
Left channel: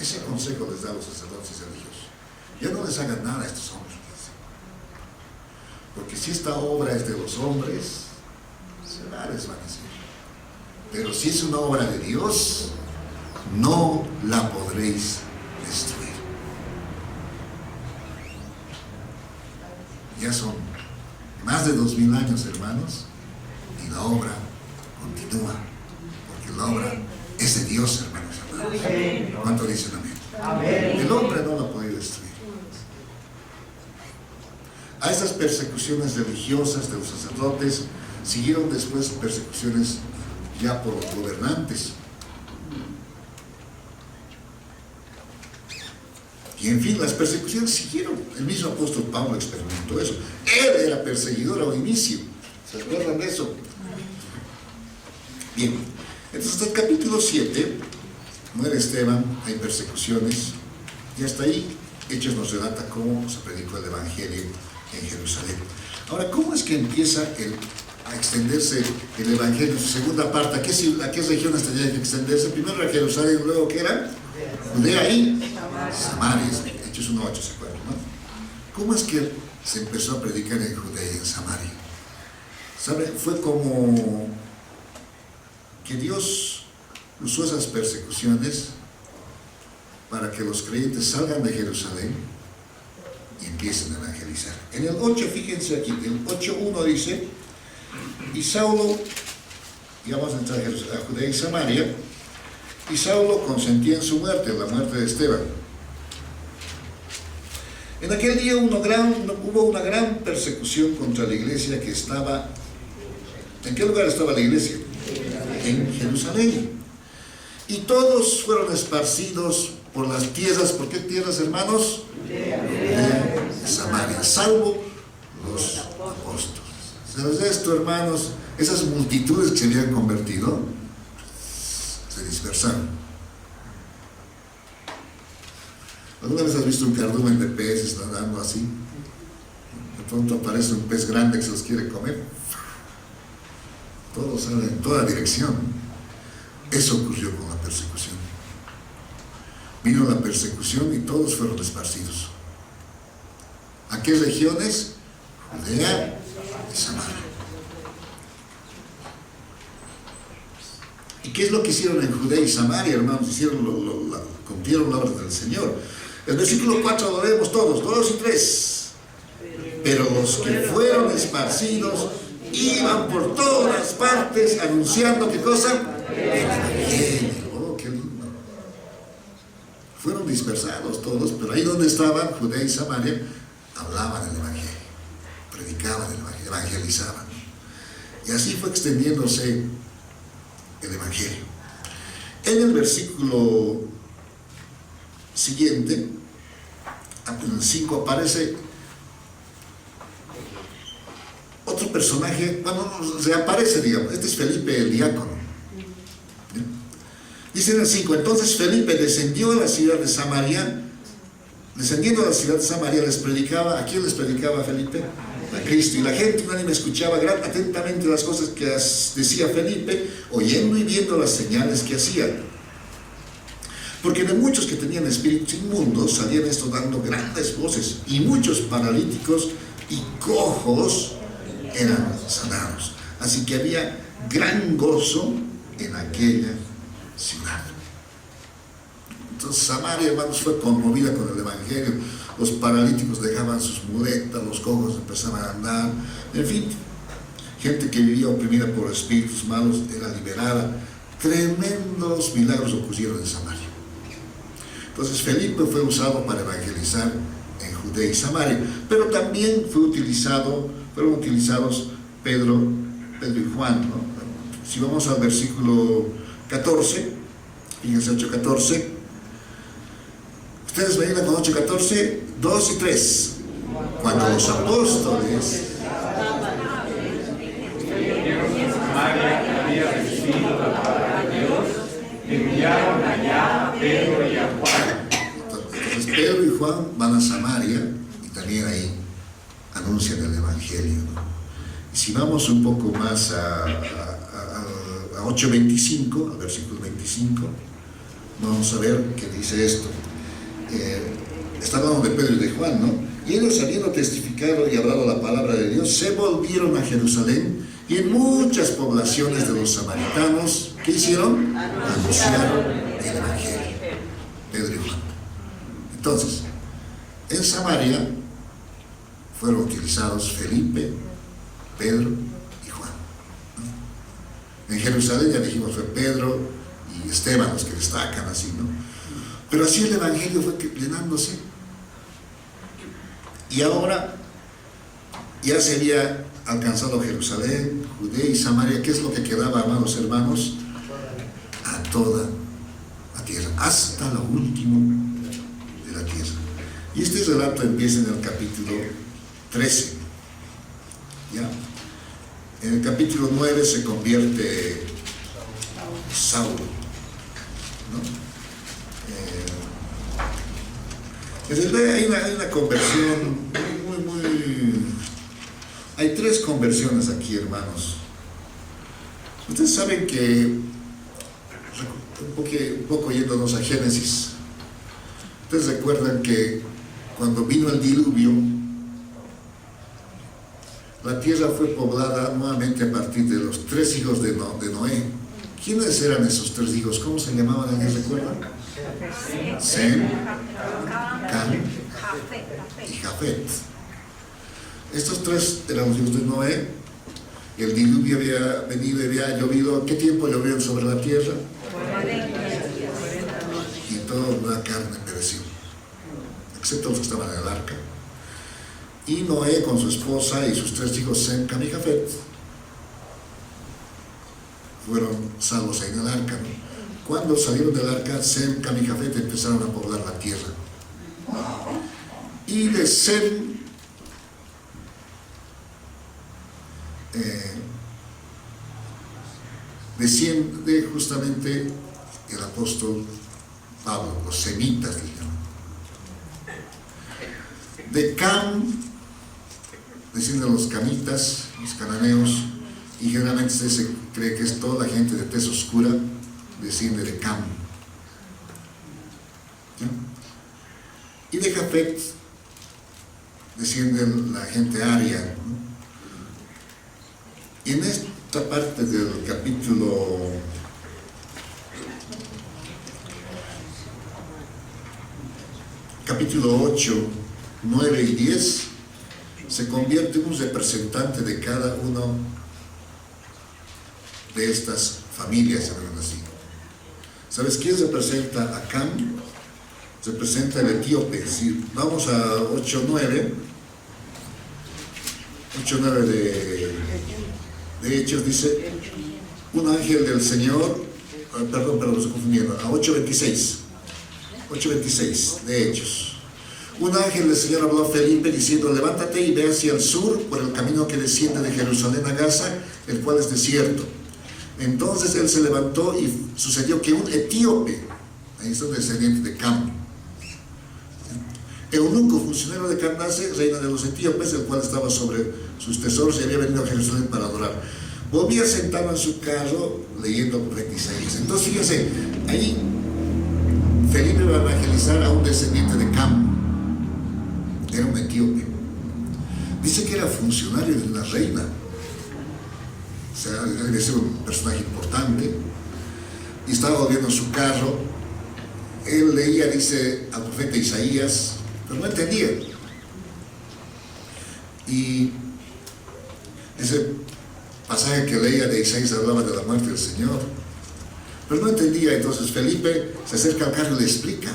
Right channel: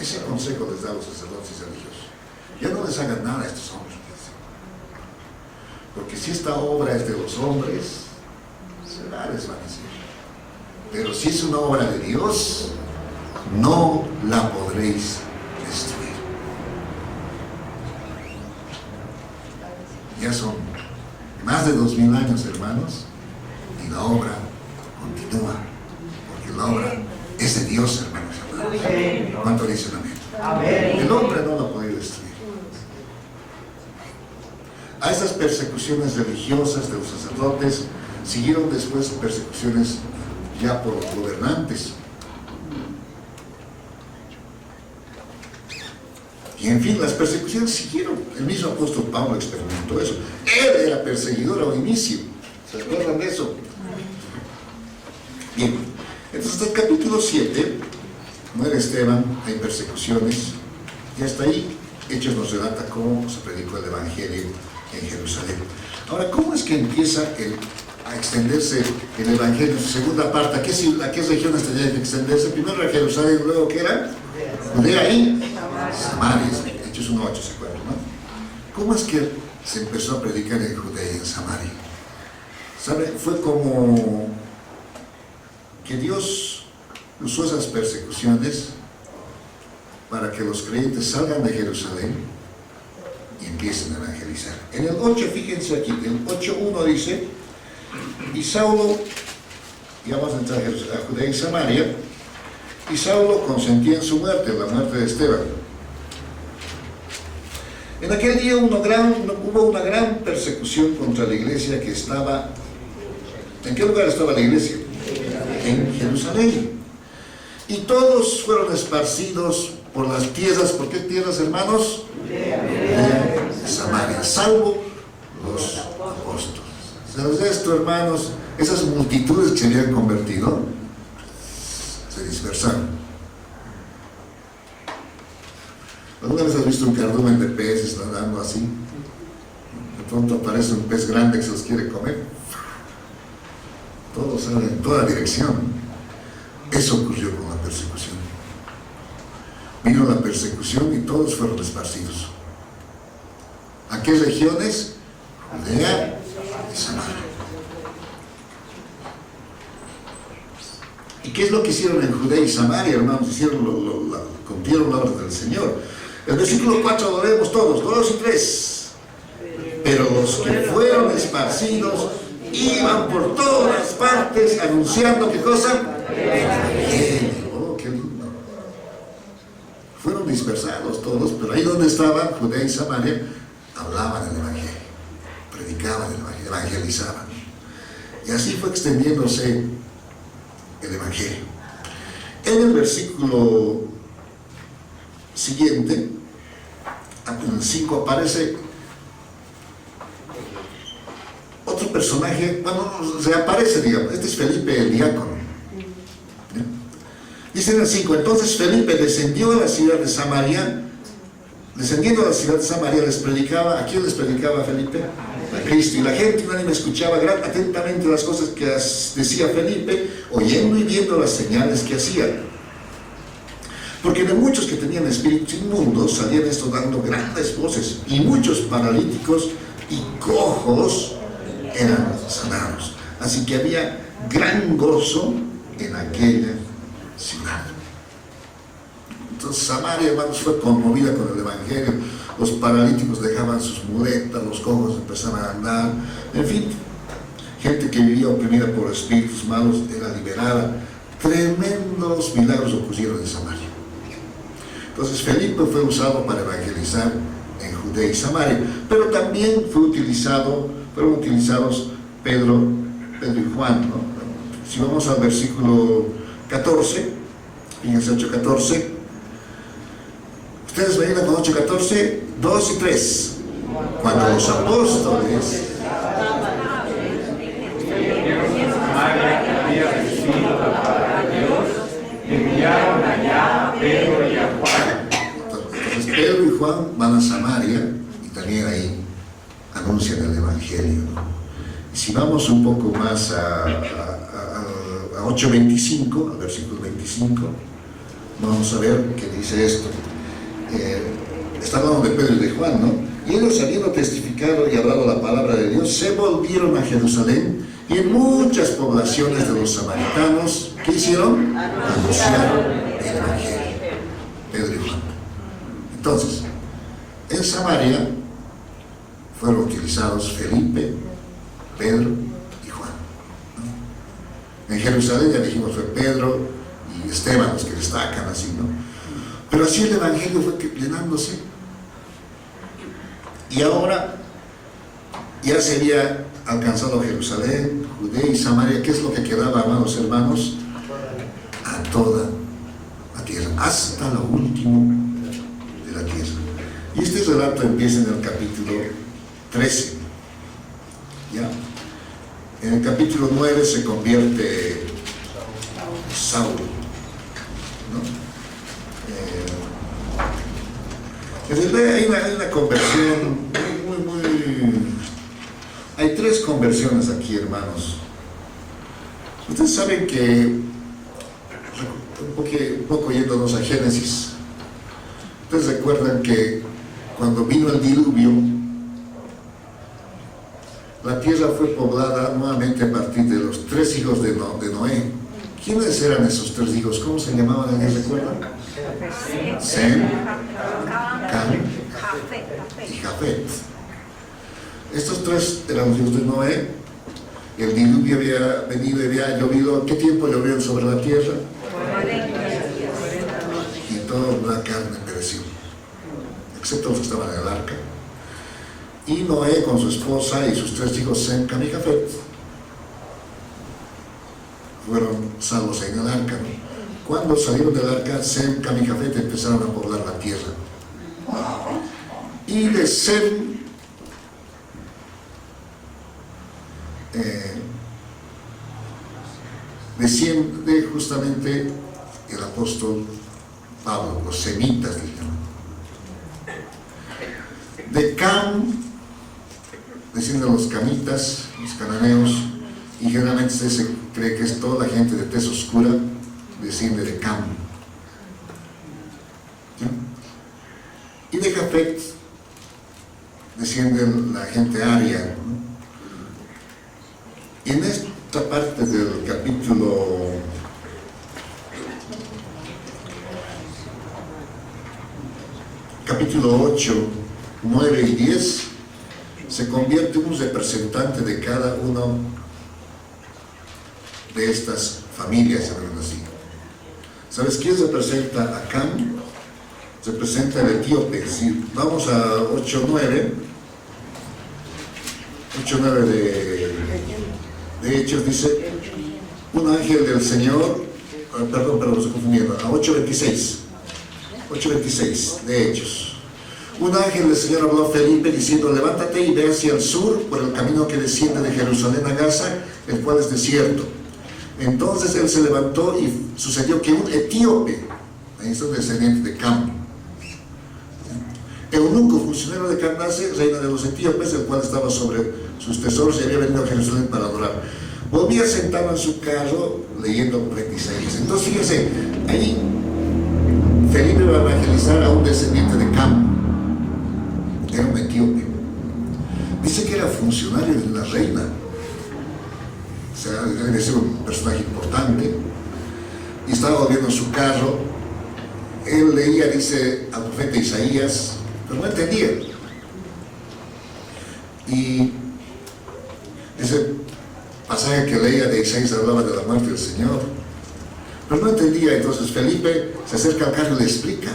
Ese consejo les da a los sacerdotes religiosos. Ya no les hagan nada a estos hombres, les dice. Porque si esta obra es de los hombres, se va a desvanecer. Pero si es una obra de Dios, no la podréis destruir. Ya son más de 2000 años, hermanos, y la obra continúa, porque la obra es de Dios, hermanos amados. ¿Cuánto dicen amén? El hombre no la ha podido destruir. A estas persecuciones religiosas de los sacerdotes siguieron después persecuciones ya por los gobernantes. Y en fin, las persecuciones siguieron. El mismo apóstol Pablo experimentó eso. Él era perseguidor al inicio. ¿Se acuerdan de eso? Bien, entonces hasta el capítulo 7 muere Esteban, hay persecuciones, y hasta ahí Hechos nos relata cómo se predicó el Evangelio en Jerusalén. Ahora, ¿cómo es que empieza a extenderse el Evangelio en su segunda parte? ¿A qué regiones tenía que extenderse? Primero era Jerusalén, luego ¿qué era? Judea y Samaria. Hechos 1:8, ¿se acuerdan, no? ¿Cómo es que se empezó a predicar en Judea y en Samaria? ¿Sabe? Fue como que Dios usó esas persecuciones para que los creyentes salgan de Jerusalén y empiecen a evangelizar. En el 8, fíjense aquí, el 8:1 dice, y Saulo, y vamos a entrar a Judea y Samaria, y Saulo consentía en su muerte, en la muerte de Esteban. En aquel día hubo una gran persecución contra la iglesia que estaba... ¿En qué lugar estaba la iglesia? En Jerusalén. Y todos fueron esparcidos por las tierras. ¿Por qué tierras, hermanos? Judea y Samaria, salvo los apóstoles. ¿Sabes esto, hermanos? Esas multitudes que se habían convertido se dispersaron. ¿Alguna vez has visto un cardumen de peces nadando así? De pronto aparece un pez grande que se los quiere comer. Todos salen en toda dirección. Eso ocurrió con la persecución. Vino la persecución y todos fueron esparcidos. ¿A qué regiones? Judea y Samaria. ¿Y qué es lo que hicieron en Judea y Samaria, hermanos? Cumplieron la orden del Señor. El versículo 4 lo leemos todos, 2 y 3. Pero los que fueron esparcidos iban por todas partes anunciando, ¿qué cosa? El Evangelio. Oh, qué lindo. Fueron dispersados todos, pero ahí donde estaban, Judea y Samaria, hablaban el Evangelio, predicaban el Evangelio, evangelizaban. Y así fue extendiéndose el Evangelio. En el versículo siguiente, en el 5, aparece otro personaje, bueno, reaparece, digamos, este es Felipe el diácono. Dice en el 5, entonces Felipe descendió a la ciudad de Samaria, descendiendo a la ciudad de Samaria les predicaba. ¿A quién les predicaba Felipe? A Cristo. Y la gente unánime escuchaba atentamente las cosas que decía Felipe, oyendo y viendo las señales que hacía. Porque de muchos que tenían espíritus inmundos salían estos dando grandes voces, y muchos paralíticos y cojos eran sanados. Así que había gran gozo en aquella ciudad. Entonces Samaria, hermanos, fue conmovida con el Evangelio. Los paralíticos dejaban sus muletas, los cojos empezaban a andar, en fin, gente que vivía oprimida por espíritus malos era liberada. Tremendos milagros ocurrieron en Samaria. Entonces Felipe fue usado para evangelizar en Judea y Samaria, pero también fueron utilizados Pedro y Juan, ¿no? Si vamos al versículo 14, fíjense 8:14, ustedes me ayudan con 8:14, 2 y 3. Cuando los apóstoles María había recibido la palabra de Dios, enviaron allá a Pedro y a Juan. Entonces Pedro y Juan van a Samaria y también ahí anuncian el Evangelio, ¿no? Y si vamos un poco más a 8:25, al versículo 25, vamos a ver qué dice esto. Está hablando de Pedro y de Juan, ¿no? Y ellos, habiendo testificado y hablado la palabra de Dios, se volvieron a Jerusalén, y en muchas poblaciones de los samaritanos, ¿qué hicieron? Anunciaron el Evangelio. Pedro y Juan. Entonces, en Samaria fueron utilizados Felipe, Pedro y Juan, ¿no? En Jerusalén, ya dijimos, fue Pedro y Esteban los que destacan así, ¿no? Pero así el Evangelio fue llenándose. Y ahora ya se había alcanzado Jerusalén, Judea y Samaria. ¿Qué es lo que quedaba, amados hermanos? A toda la tierra, hasta lo último de la tierra. Y este relato empieza en el capítulo 13. ¿Ya? En el capítulo 9 se convierte Saulo, ¿no? En realidad hay una conversión hay 3 conversiones aquí, hermanos. Ustedes saben que, un poco yéndonos a Génesis, ustedes recuerdan que cuando vino el diluvio, la tierra fue poblada nuevamente a partir de los 3 hijos de Noé. ¿Quiénes eran esos 3 hijos? ¿Cómo se llamaban? ¿Alguien recuerda? Sem, Cam y Jafet. Estos 3 eran los hijos de Noé. El diluvio había venido y había llovido. ¿Qué tiempo llovió sobre la tierra? Y toda la carne pereció, excepto los que estaban en el arca. Y Noé con su esposa y sus 3 hijos, Sem, Cam y Jafet, fueron salvos en el arca, ¿no? Cuando salieron del arca, Sem, Cam y Jafet empezaron a poblar la tierra. Y de Sem desciende justamente el apóstol Pablo, los semitas, digamos. De Cam descienden los camitas, los cananeos, y generalmente se cree que es toda la gente de tez oscura, desciende de Cam. ¿Sí? Y de Jafet desciende la gente aria, ¿no? En esta parte del capítulo 8, 9 y 10, se convierte un representante de cada uno de estas familias, así. ¿Sabes quién representa a Cam? Representa el etíope. Si vamos a 8.9 de Hechos, dice: un ángel del Señor, perdón, lo estoy confundiendo, a 8.26 de Hechos. Un ángel del Señor habló a Felipe diciendo: levántate y ve hacia el sur por el camino que desciende de Jerusalén a Gaza, el cual es desierto. Entonces él se levantó y sucedió que un etíope, ahí está un descendiente de Cam, eunuco, funcionario de Candace, reina de los etíopes, el cual estaba sobre sus tesoros y había venido a Jerusalén para adorar, volvía sentado en su carro leyendo profetas. Entonces fíjense, ahí Felipe va a evangelizar a un descendiente de Cam, era un etíope. Dice que era funcionario de una reina, o sea, debe ser un personaje importante, y estaba volviendo en su carro. Él leía, dice, al profeta Isaías, pero no entendía. Y ese pasaje que leía de Isaías hablaba de la muerte del Señor, pero no entendía. Entonces Felipe se acerca al carro y le explica.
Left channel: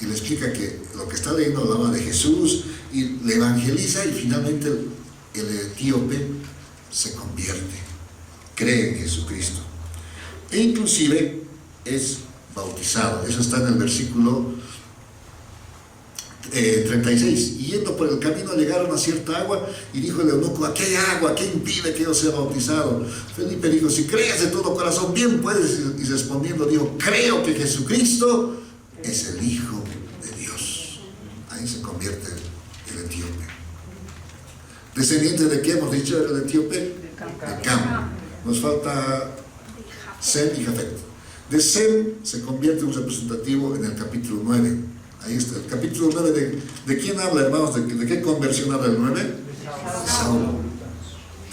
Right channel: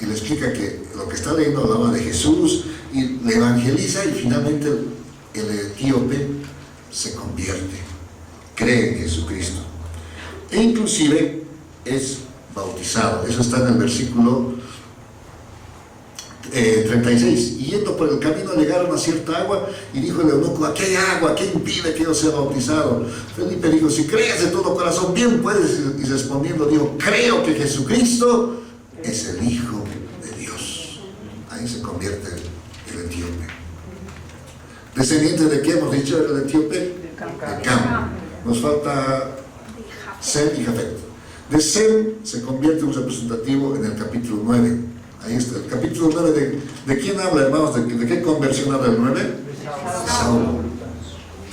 y le explica que lo que está leyendo habla de Jesús y le evangeliza, y finalmente el etíope se convierte, cree en Jesucristo e inclusive es bautizado. Eso está en el versículo 36. Y yendo por el camino llegaron a cierta agua, y dijo el eunuco: aquí hay agua, ¿qué impide que yo sea bautizado? Felipe dijo: si crees de todo corazón, bien puedes. Y respondiendo dijo: creo que Jesucristo es el Hijo de Dios. Ahí se convierte el etíope. ¿Descendiente de qué hemos dicho era el etíope? De Cam. Nos falta Sem y Jafet. De Sem se convierte un representativo en el capítulo 9. Ahí está, el capítulo 9 ¿de quién habla, hermanos? ¿De qué conversión habla el 9? De Saulo.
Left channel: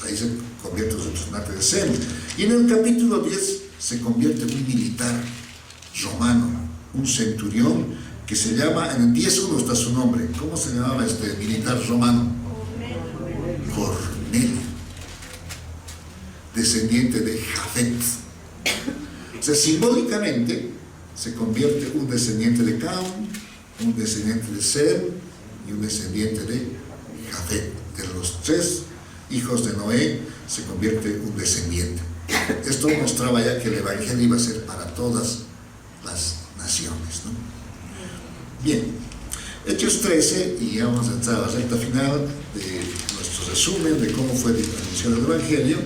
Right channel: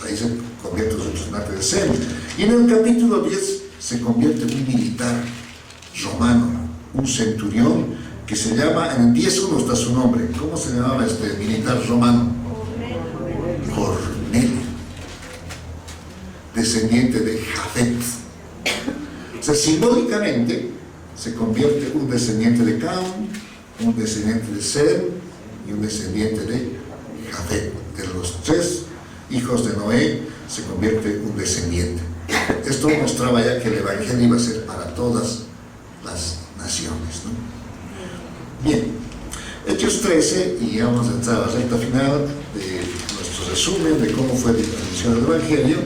Ahí se convierte un representante de Sem. Y en el capítulo 10 se convierte en un militar romano, un centurión que se llama, en el 10.1 está su nombre. ¿Cómo se llamaba este militar romano? Cornelio, descendiente de Jafet. O sea, simbólicamente se convierte un descendiente de Cam, un descendiente de Sem y un descendiente de Jafet. De los 3 hijos de Noé se convierte un descendiente. Esto mostraba ya que el evangelio iba a ser para todas las naciones, ¿no? Bien, Hechos 13, y ya vamos a entrar a la recta final de nuestro resumen de cómo fue la transmisión del evangelio.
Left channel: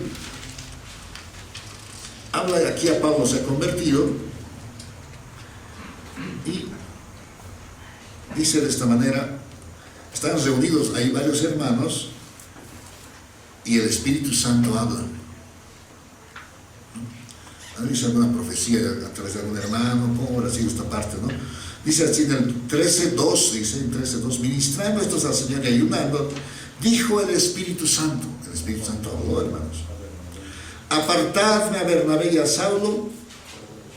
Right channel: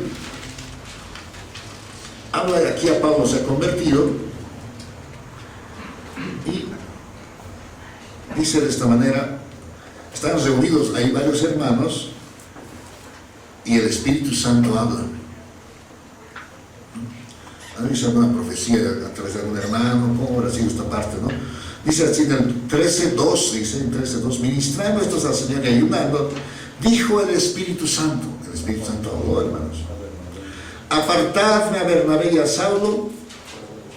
Habla de aquí a Pablo se ha convertido y dice de esta manera: están reunidos, hay varios hermanos y el Espíritu Santo habla. ¿No? Dice alguna profecía a través de algún hermano, ¿cómo habrá sido esta parte, no? Dice así en el 13.2, dice en 13.2: ministrando estos al Señor y ayunando, dijo el Espíritu Santo. El Espíritu Santo habló, hermanos: apartadme a Bernabé y a Saulo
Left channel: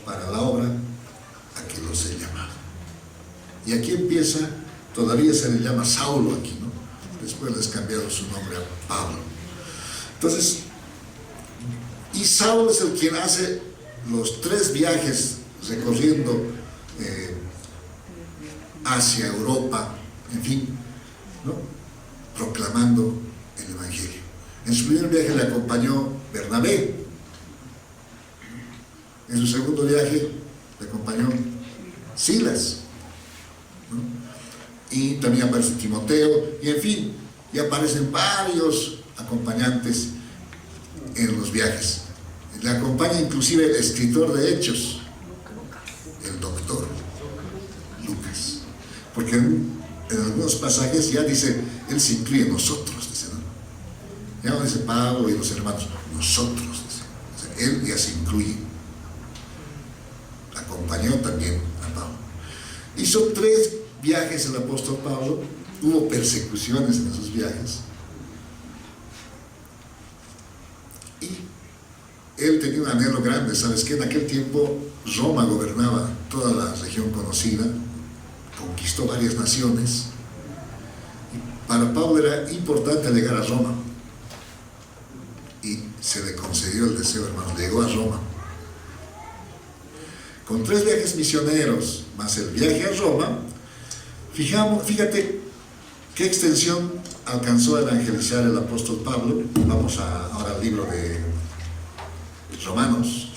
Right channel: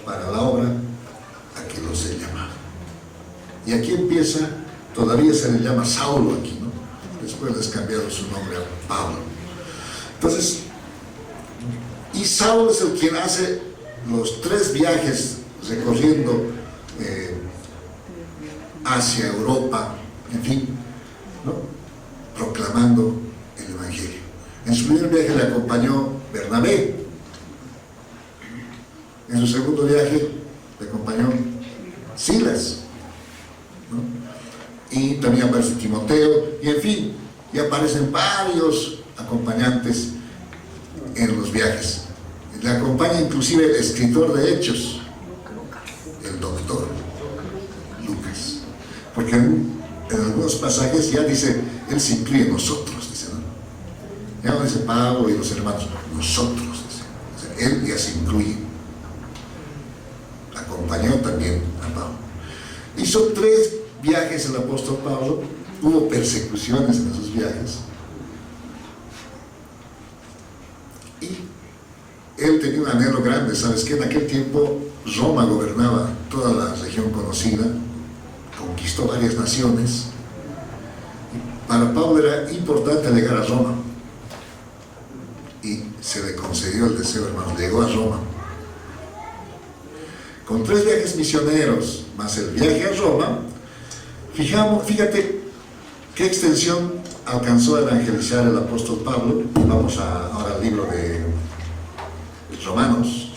para la obra a que los he llamado. Y aquí empieza, todavía se le llama Saulo aquí, ¿no? Después les cambiaron su nombre a Pablo. Entonces, y Saulo es el quien hace los 3 viajes recorriendo hacia Europa, en fin, ¿no? Proclamando el evangelio. En su primer viaje le acompañó Bernabé. En su segundo viaje le acompañó Silas, ¿no? Y también aparece Timoteo, y en fin, y aparecen varios acompañantes en los viajes. Le acompaña inclusive el escritor de Hechos, el doctor Lucas, porque en algunos pasajes ya dice, él se incluye nosotros, dice, ¿no? Ya no dice Pablo y los hermanos, nosotros, dice. O sea, él ya se incluye. Acompañó también a Pablo. Hizo 3 viajes el apóstol Pablo, hubo persecuciones en esos viajes, y él tenía un anhelo grande. ¿Sabes qué? En aquel tiempo Roma gobernaba toda la región conocida, conquistó varias naciones, y para Pablo era importante llegar a Roma, y se le concedió el deseo, hermanos. Llegó a Roma con 3 viajes misioneros más el viaje a Roma. Fíjate qué extensión alcanzó a evangelizar el apóstol Pablo. Vamos ahora al libro de Romanos.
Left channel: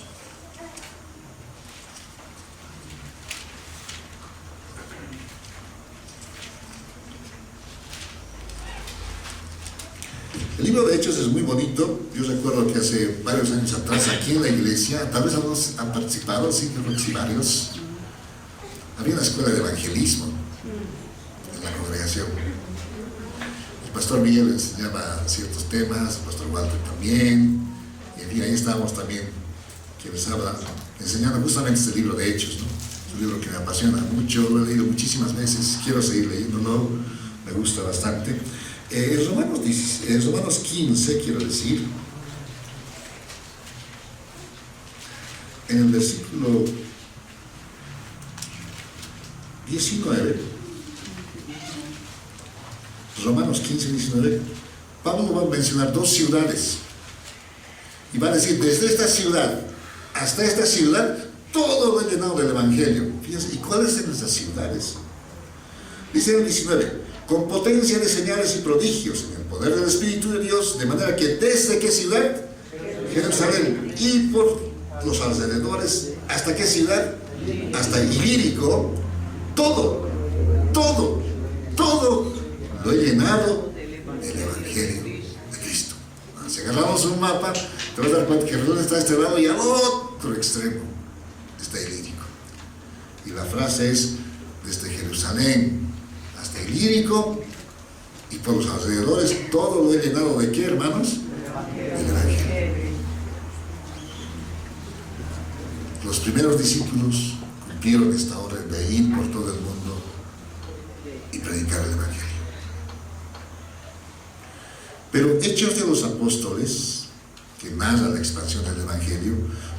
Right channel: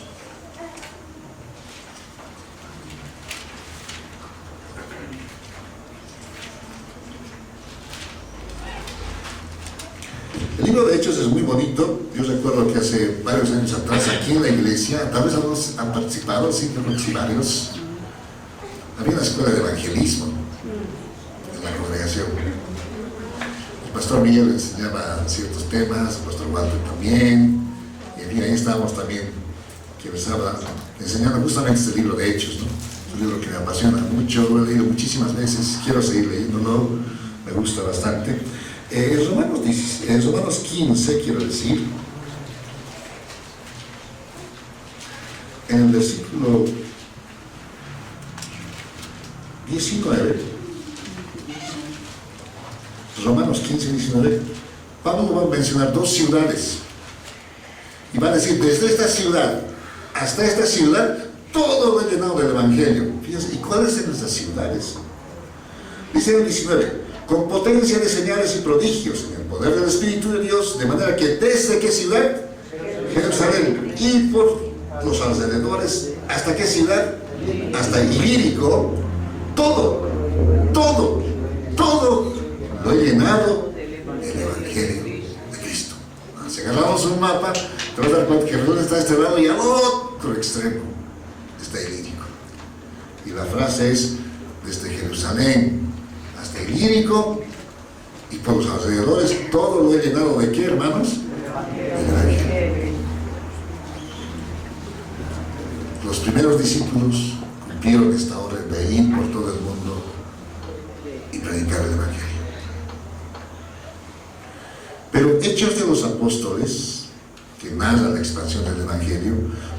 El libro de Hechos es muy bonito. Yo recuerdo que hace varios años atrás, aquí en la iglesia, tal vez algunos han participado, sí, creo que varios, había una escuela de evangelismo en la congregación. El pastor Miguel enseñaba ciertos temas, el pastor Walter también, y en fin, ahí estábamos también, que les habla, enseñando justamente este libro de Hechos, ¿no? Es un libro que me apasiona mucho, lo he leído muchísimas veces, quiero seguir leyéndolo, me gusta bastante. Romanos 15, quiero decir, en el versículo 19, Romanos 15, 19, Pablo va a mencionar 2 ciudades y va a decir, desde esta ciudad hasta esta ciudad todo lo he llenado del evangelio. Fíjense, ¿y cuáles son esas ciudades? Dice en el 19, con potencia de señales y prodigios en el poder del Espíritu de Dios, de manera que desde qué ciudad, Jerusalén, y por los alrededores, ¿hasta qué ciudad? Hasta Ilírico, todo lo he llenado del Evangelio de Cristo. Si agarramos un mapa, te vas a dar cuenta que Jerusalén está a este lado y al otro extremo está Ilírico. Y la frase es, desde Jerusalén hasta Ilírico y por los alrededores, todo lo he llenado ¿de qué, hermanos? Del Evangelio. Los primeros discípulos cumplieron esta orden de ir por todo el mundo y predicar el Evangelio. Pero Hechos de los Apóstoles, que narra la expansión del Evangelio,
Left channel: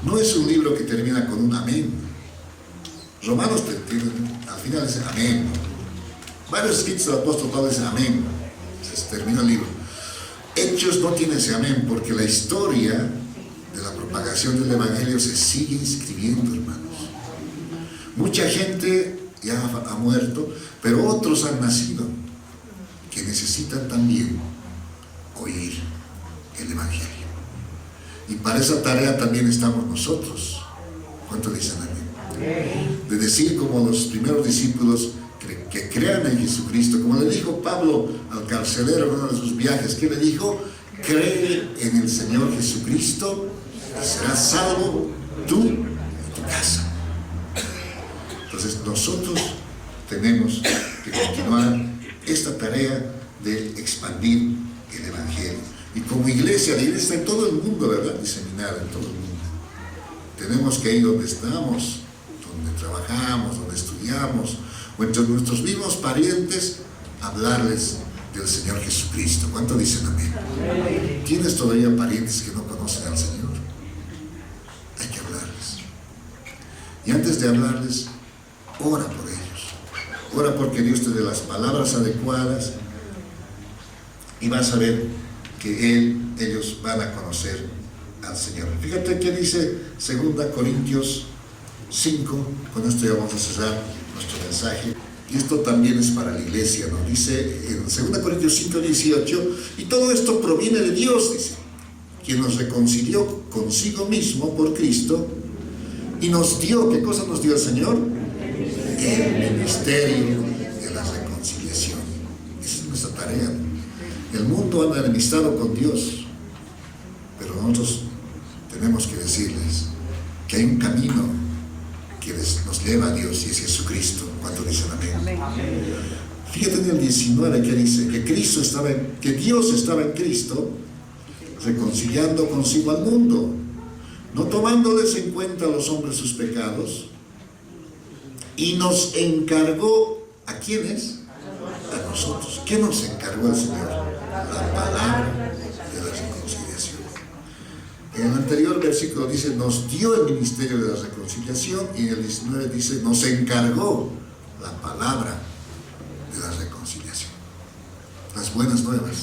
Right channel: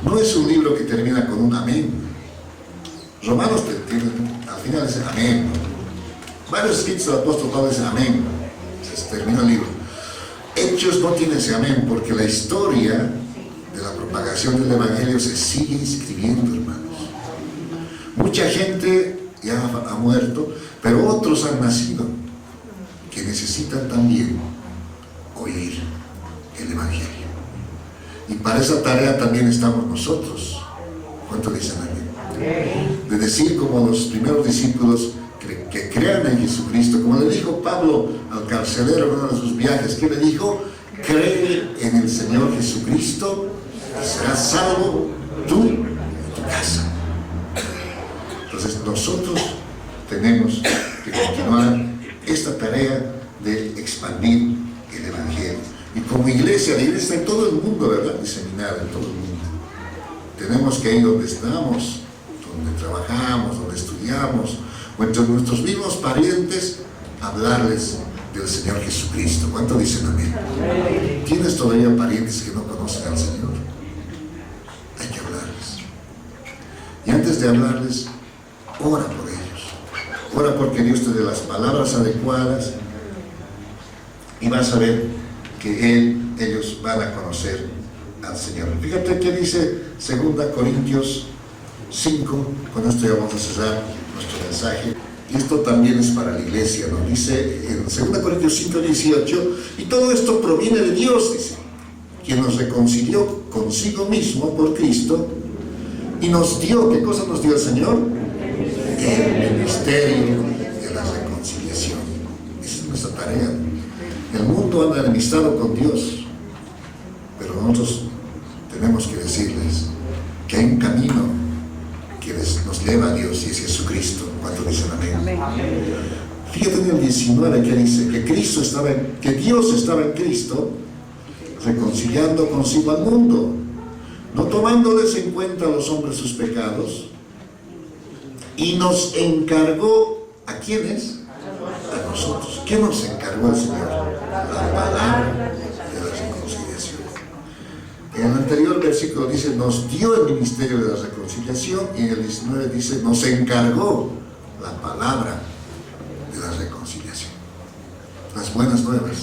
no es un libro que termina con un amén. Romanos al final dice amén. Varios escritos del apóstol Pablo dicen amén. Se termina el libro. Hechos no tiene ese amén porque la historia de la propagación del Evangelio se sigue escribiendo, hermanos. Mucha gente ya ha muerto, pero otros han nacido que necesitan también oír el Evangelio. Y para esa tarea también estamos nosotros. ¿Cuánto dicen amén? De decir como los primeros discípulos que crean en Jesucristo, como le dijo Pablo al carcelero en uno de sus viajes, que le dijo: cree en el Señor Jesucristo y serás salvo tú y tu casa. Entonces nosotros tenemos que continuar esta tarea de expandir el Evangelio. Y como iglesia, la iglesia está en todo el mundo, ¿verdad? Diseminada en todo el mundo. Tenemos que ir donde estamos, donde trabajamos, donde estudiamos, o entre nuestros mismos parientes, hablarles del Señor Jesucristo. ¿Cuánto dicen amén? ¿Tienes todavía parientes que no conocen al Señor? Hay que hablarles. Y antes de hablarles, ora por ellos. Ora porque Dios te dé las palabras adecuadas y vas a ver que ellos van a conocer al Señor. Fíjate que dice 2 Corintios 5, con esto ya vamos a cerrar nuestro mensaje, y esto también es para la iglesia, ¿no? Dice en 2 Corintios 5, 18, y todo esto proviene de Dios, dice, quien nos reconcilió consigo mismo por Cristo y nos dio, ¿qué cosa nos dio el Señor? El ministerio de la reconciliación. Esa es nuestra tarea. El mundo anda enemistado con Dios, pero nosotros tenemos que decirles que hay un camino que nos lleva a Dios y es Jesucristo. ¿Cuánto dicen amén? Fíjate en el 19 que dice que Dios estaba en Cristo reconciliando consigo al mundo, no tomándoles en cuenta a los hombres sus pecados, y nos encargó, ¿a quiénes? A nosotros. ¿Qué nos encargó el Señor? La palabra de la reconciliación. En el anterior versículo dice, nos dio el ministerio de la reconciliación, y en el 19 dice, nos encargó la palabra de la reconciliación. Las buenas nuevas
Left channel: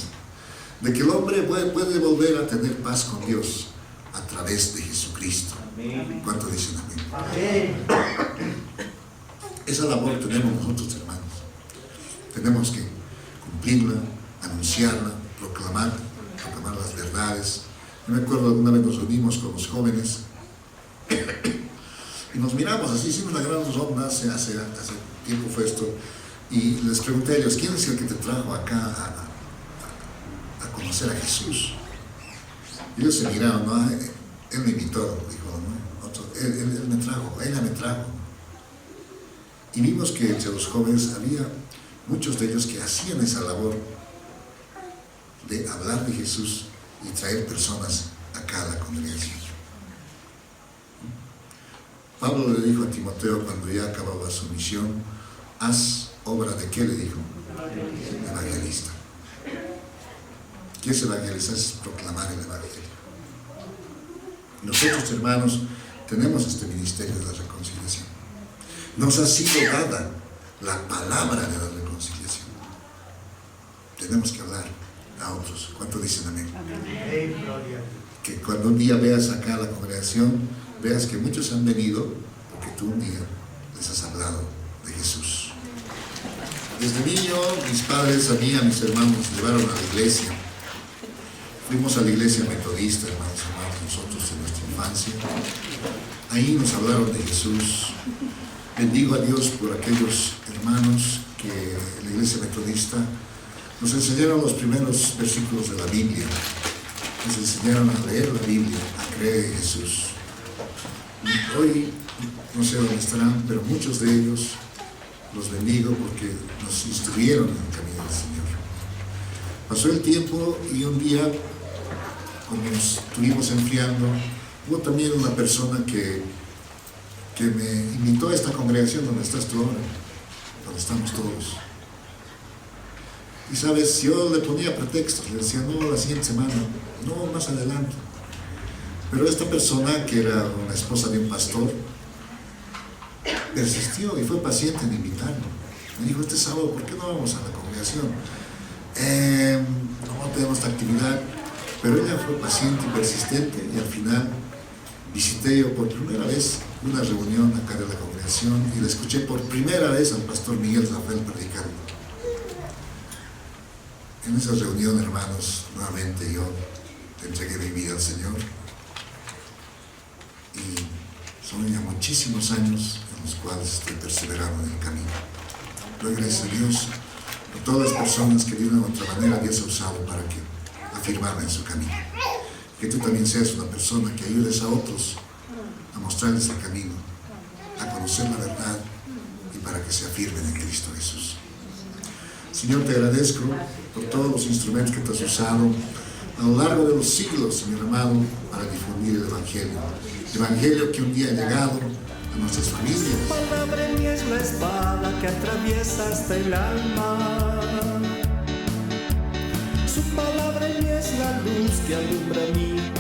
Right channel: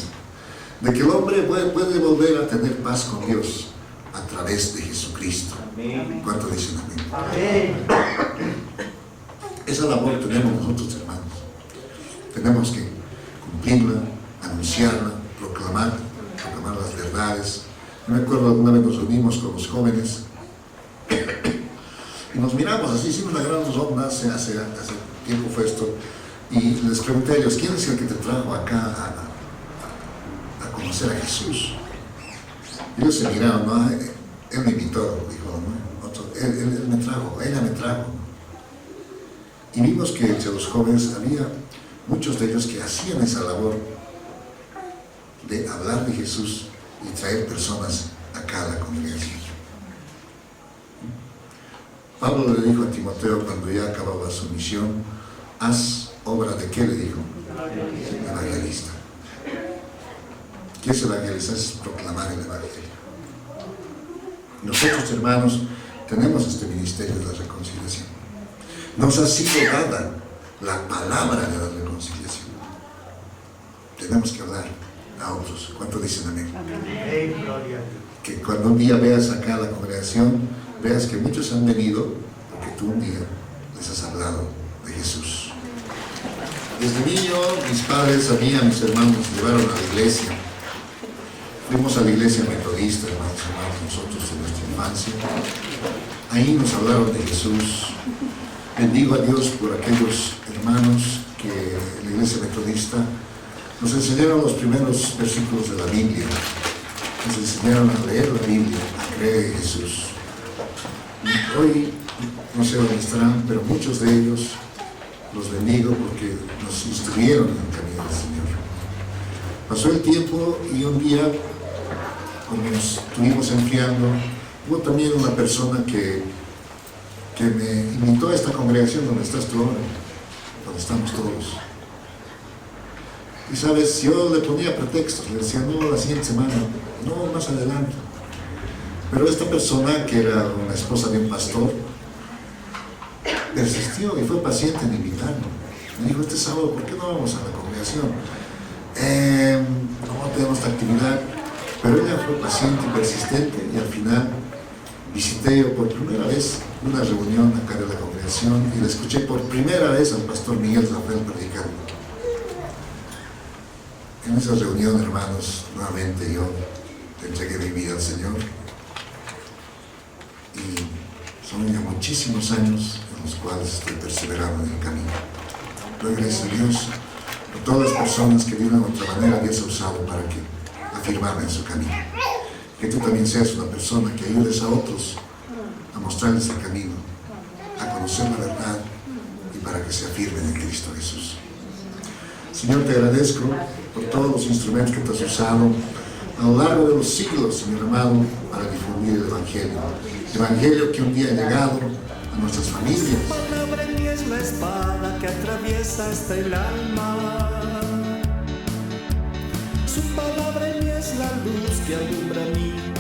de que el hombre puede volver a tener paz con Dios a través de Jesucristo. ¿Cuánto dicen amén? Esa labor tenemos nosotros, hermanos. Tenemos que cumplirla, anunciarla, proclamar las verdades. Yo me acuerdo alguna vez nos reunimos con los jóvenes y nos miramos así, hicimos una gran ronda, hace tiempo fue esto, y les pregunté a ellos, ¿quién es el que te trajo acá a conocer a Jesús? Y ellos se miraron, ¿no? Él me invitó, dijo, ¿no? Él me trajo, ella me trajo. Y vimos que entre los jóvenes había muchos de ellos que hacían esa labor de hablar de Jesús y traer personas acá a la congregación. Pablo le dijo a Timoteo cuando ya acababa su misión, haz obra de qué, le dijo, evangelista. ¿Qué es evangelizar? Es proclamar el evangelio. Nosotros, hermanos, tenemos este ministerio de la reconciliación. Nos ha sido dada la palabra de la reconciliación. Tenemos que hablar a otros. ¿Cuánto dicen amén? Que cuando un día veas acá la congregación, veas que muchos han venido porque tú un día les has hablado de Jesús. Desde niño, mis padres, a mí y a mis hermanos nos llevaron a la iglesia. Fuimos a la iglesia metodista, hermanos, nosotros en nuestra infancia. Ahí nos hablaron de Jesús. Bendigo a Dios por aquellos hermanos que en la iglesia metodista nos enseñaron los primeros versículos de la Biblia. Nos enseñaron a leer la Biblia, a creer en Jesús. Hoy, no sé dónde estarán, pero muchos de ellos los bendigo porque nos instruyeron en el camino del Señor. Pasó el tiempo y un día, cuando nos estuvimos enfriando, hubo también una persona que me invitó a esta congregación donde estás tú ahora, donde estamos todos. Y sabes, yo le ponía pretextos, le decía, no, la siguiente semana, no, más adelante. Pero esta persona, que era una esposa de un pastor, persistió y fue paciente en invitarme. Me dijo, este sábado, ¿por qué no vamos a la congregación? No tenemos esta actividad. Pero ella fue paciente y persistente, y al final visité yo por primera vez una reunión acá de la congregación y le escuché por primera vez al pastor Miguel Rafael predicando. En esa reunión, hermanos, nuevamente yo entregué mi vida al Señor, y son ya muchísimos años en los cuales estoy perseverando en el camino. Doy gracias a Dios por todas las personas que de una u otra manera Dios ha usado para que afirmarme en su camino. Que tú también seas una persona que ayudes a otros a mostrarles el camino, a conocer la verdad y para que se afirmen en Cristo Jesús. Señor, te agradezco por todos los instrumentos que te has usado a lo largo de los siglos, Señor amado, para difundir el Evangelio. El Evangelio que un día ha llegado a nuestras familias. Su palabra en mí es la espada que atraviesa hasta el alma. Su palabra en mí es la luz que alumbra mi